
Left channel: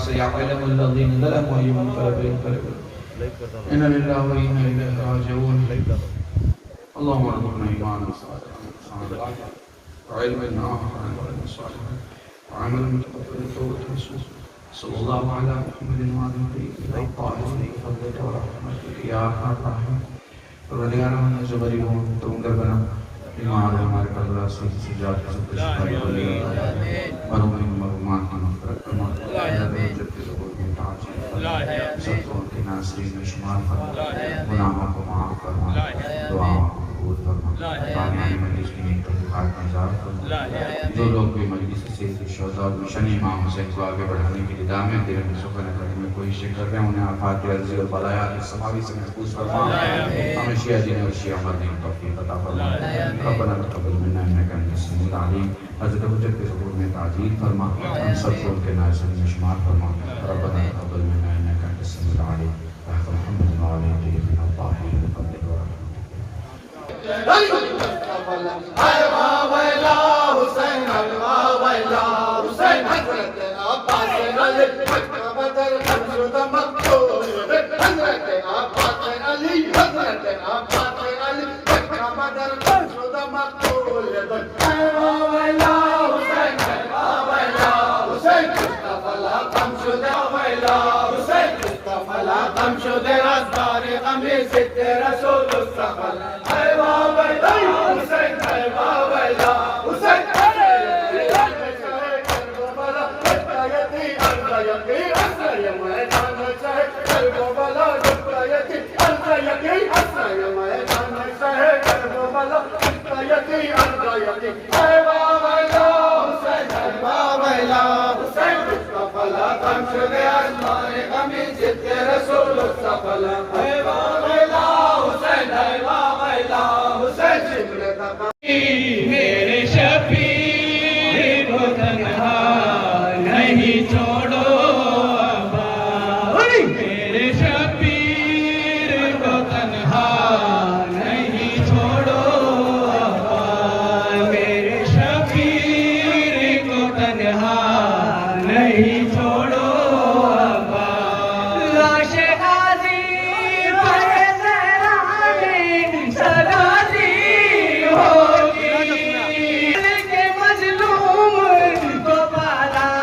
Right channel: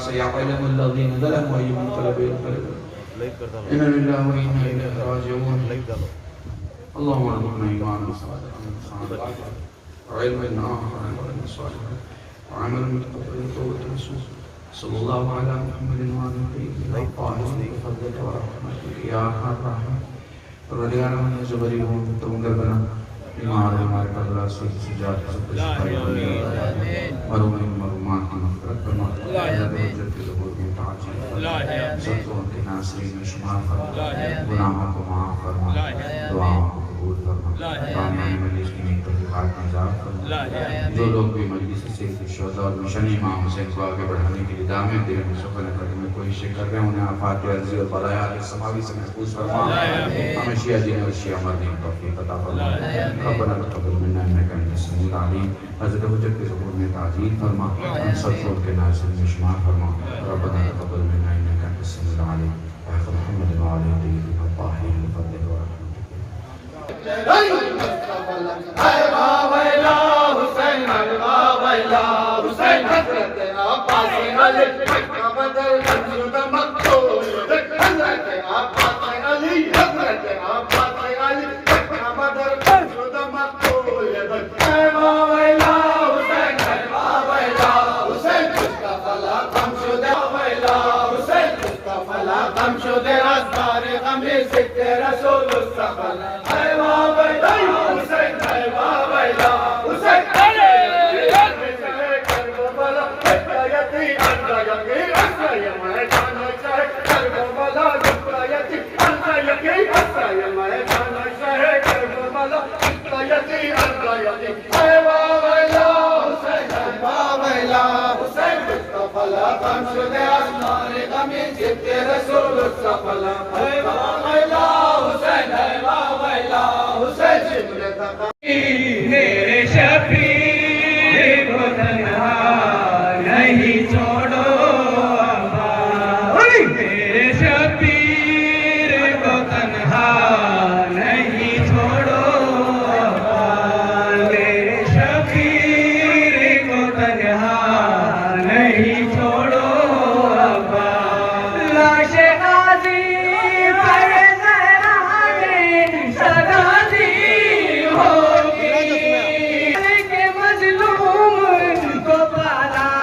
سيعلم الذين ظلموا أي منقلب ينقلبون إنا لله وإنا إليه راجعون اللهم ارزقنا إيمانا صالحا وعلما نافعا وعملا متقبلا وتوبة نصوحا صلى الله على محمد وعلى آله وصحبه ورحمته يا أرحم الراحمين ولينا من جبري ومن ربنا ایمان ہمارے پر اللہ سوچ سجاد سب صفائی بلی ونومن مرمات مغفرت کمات نجب کی لغور میں تعجیل سبتوں کے ناصرین میں شمار فرما گناہوں کو معاف فرما دعاوں کو قبول فرما بانیان مجلس کی نیک تحقیقات میں اجازت فرما جو لوگ بھی مجلس سے شہداء اور مشن امام حسین کو آگے بڑھانے کے لیے دامن دل میں سفر کرنے میں کوئی شک کر رہے ہیں انہیں آفات و عرضی اور بلایات اس سماوی سے محفوظ فرما ہمیں شیعہ دین اور شیعہ مرنے توفیق عطا فرما ربنا تقبل منا انك انت السميع العليم حضرت حجت کے ظہور میں تعجیل فرما ہم سب کو کے ناصر میں شمار فرما ربنا تقبل منا انك انت السميع العليم يا محمد وعلى اله الطاهرين وصلى میرے شفیع کو تنہا نہیں چھوڑو میرے شفیع کو تنہا نہیں چھوڑو میرے شفیع کو تنہا نہیں چھوڑو لاش غازی پر سرازی ہوگی کے مظلوم کو پالا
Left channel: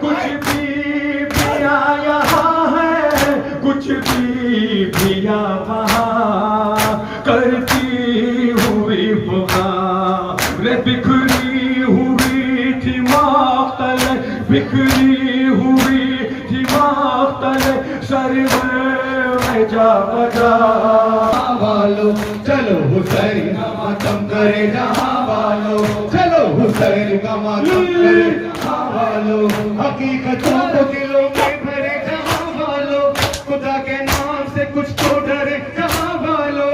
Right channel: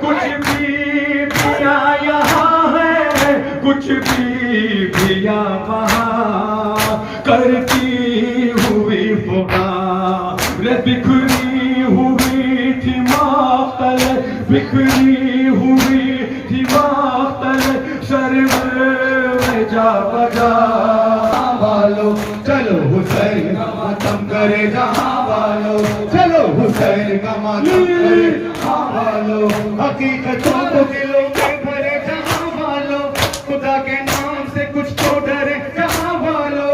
کچھ بیویاں یہاں ہے کچھ بیویاں وہاں کرتی ہوئی پکار بکھری ہوئی تھی ماختل بکھری ہوئی تھی ماختل سرور جا بجا والو چلو حسین کا ماتم کرے جہاں والو چلو حسین کا ماتم کرے جہاں والو حقیقتوں کو دلوں میں بھرے جہاں والو خدا کے نام سے کچھ تو ڈرے جہاں والو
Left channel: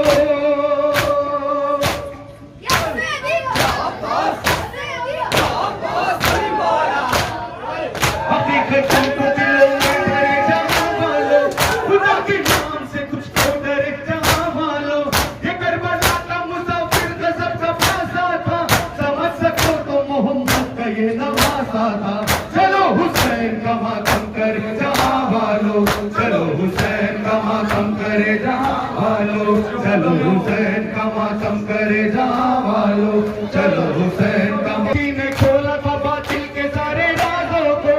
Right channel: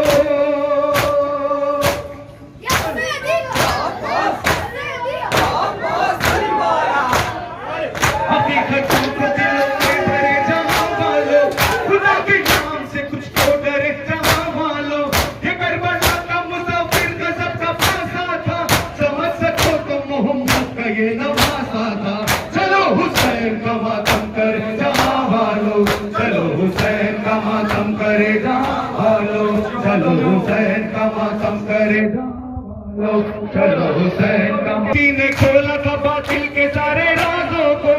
حقیقتوں کو دلوں میں بھرے جہاں والو خدا کے نام سے کچھ تو ڈرے جہاں والو یہ کربلا کا مسافر غضب کا پاسا تھا سمجھ سکو تو محمد کا یہ نواسا تھا چلو حسین کا ماتم کرے جہاں والو چلو حسین کا ماتم کرے جہاں والو چلو حسین کا ماتم کرے جہاں والو چلو حسین کا نے کھولا تھا باطل کے سارے رازوں کو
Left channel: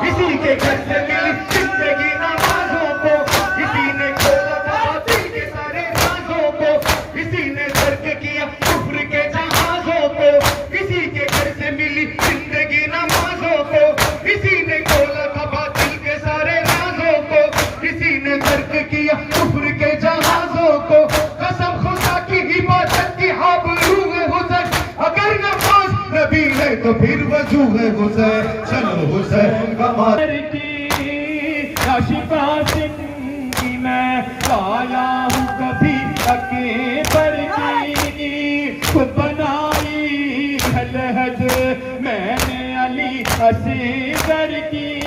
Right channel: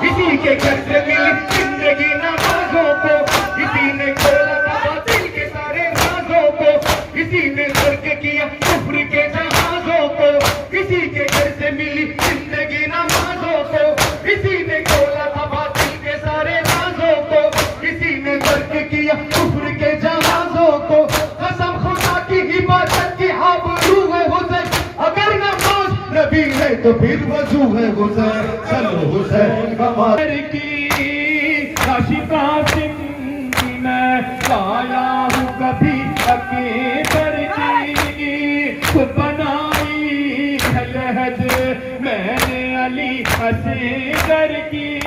اسی کے گھر سے ملی زندگی نمازوں کو اسی نے کھولا تھا باطل کے سارے رازوں کو اسی نے غرق کیا کفر کے جہازوں کو اسی کے گھر سے ملی زندگی نمازوں کو اسی نے کھولا تھا باطل کے سارے رازوں کو اسی نے غرق کیا کفر کے جہازوں کو قسم خدا کی عبادت کی آبرو ہے حسین اگر نماز نبی ہے تو پھر وضو ہے حسین چلو حسین کا ماتم کی عاشقہ زندگی میں پایا ہوں کبھی عقیدت کی خود بنائی خلہد میں نے علی اصغر کی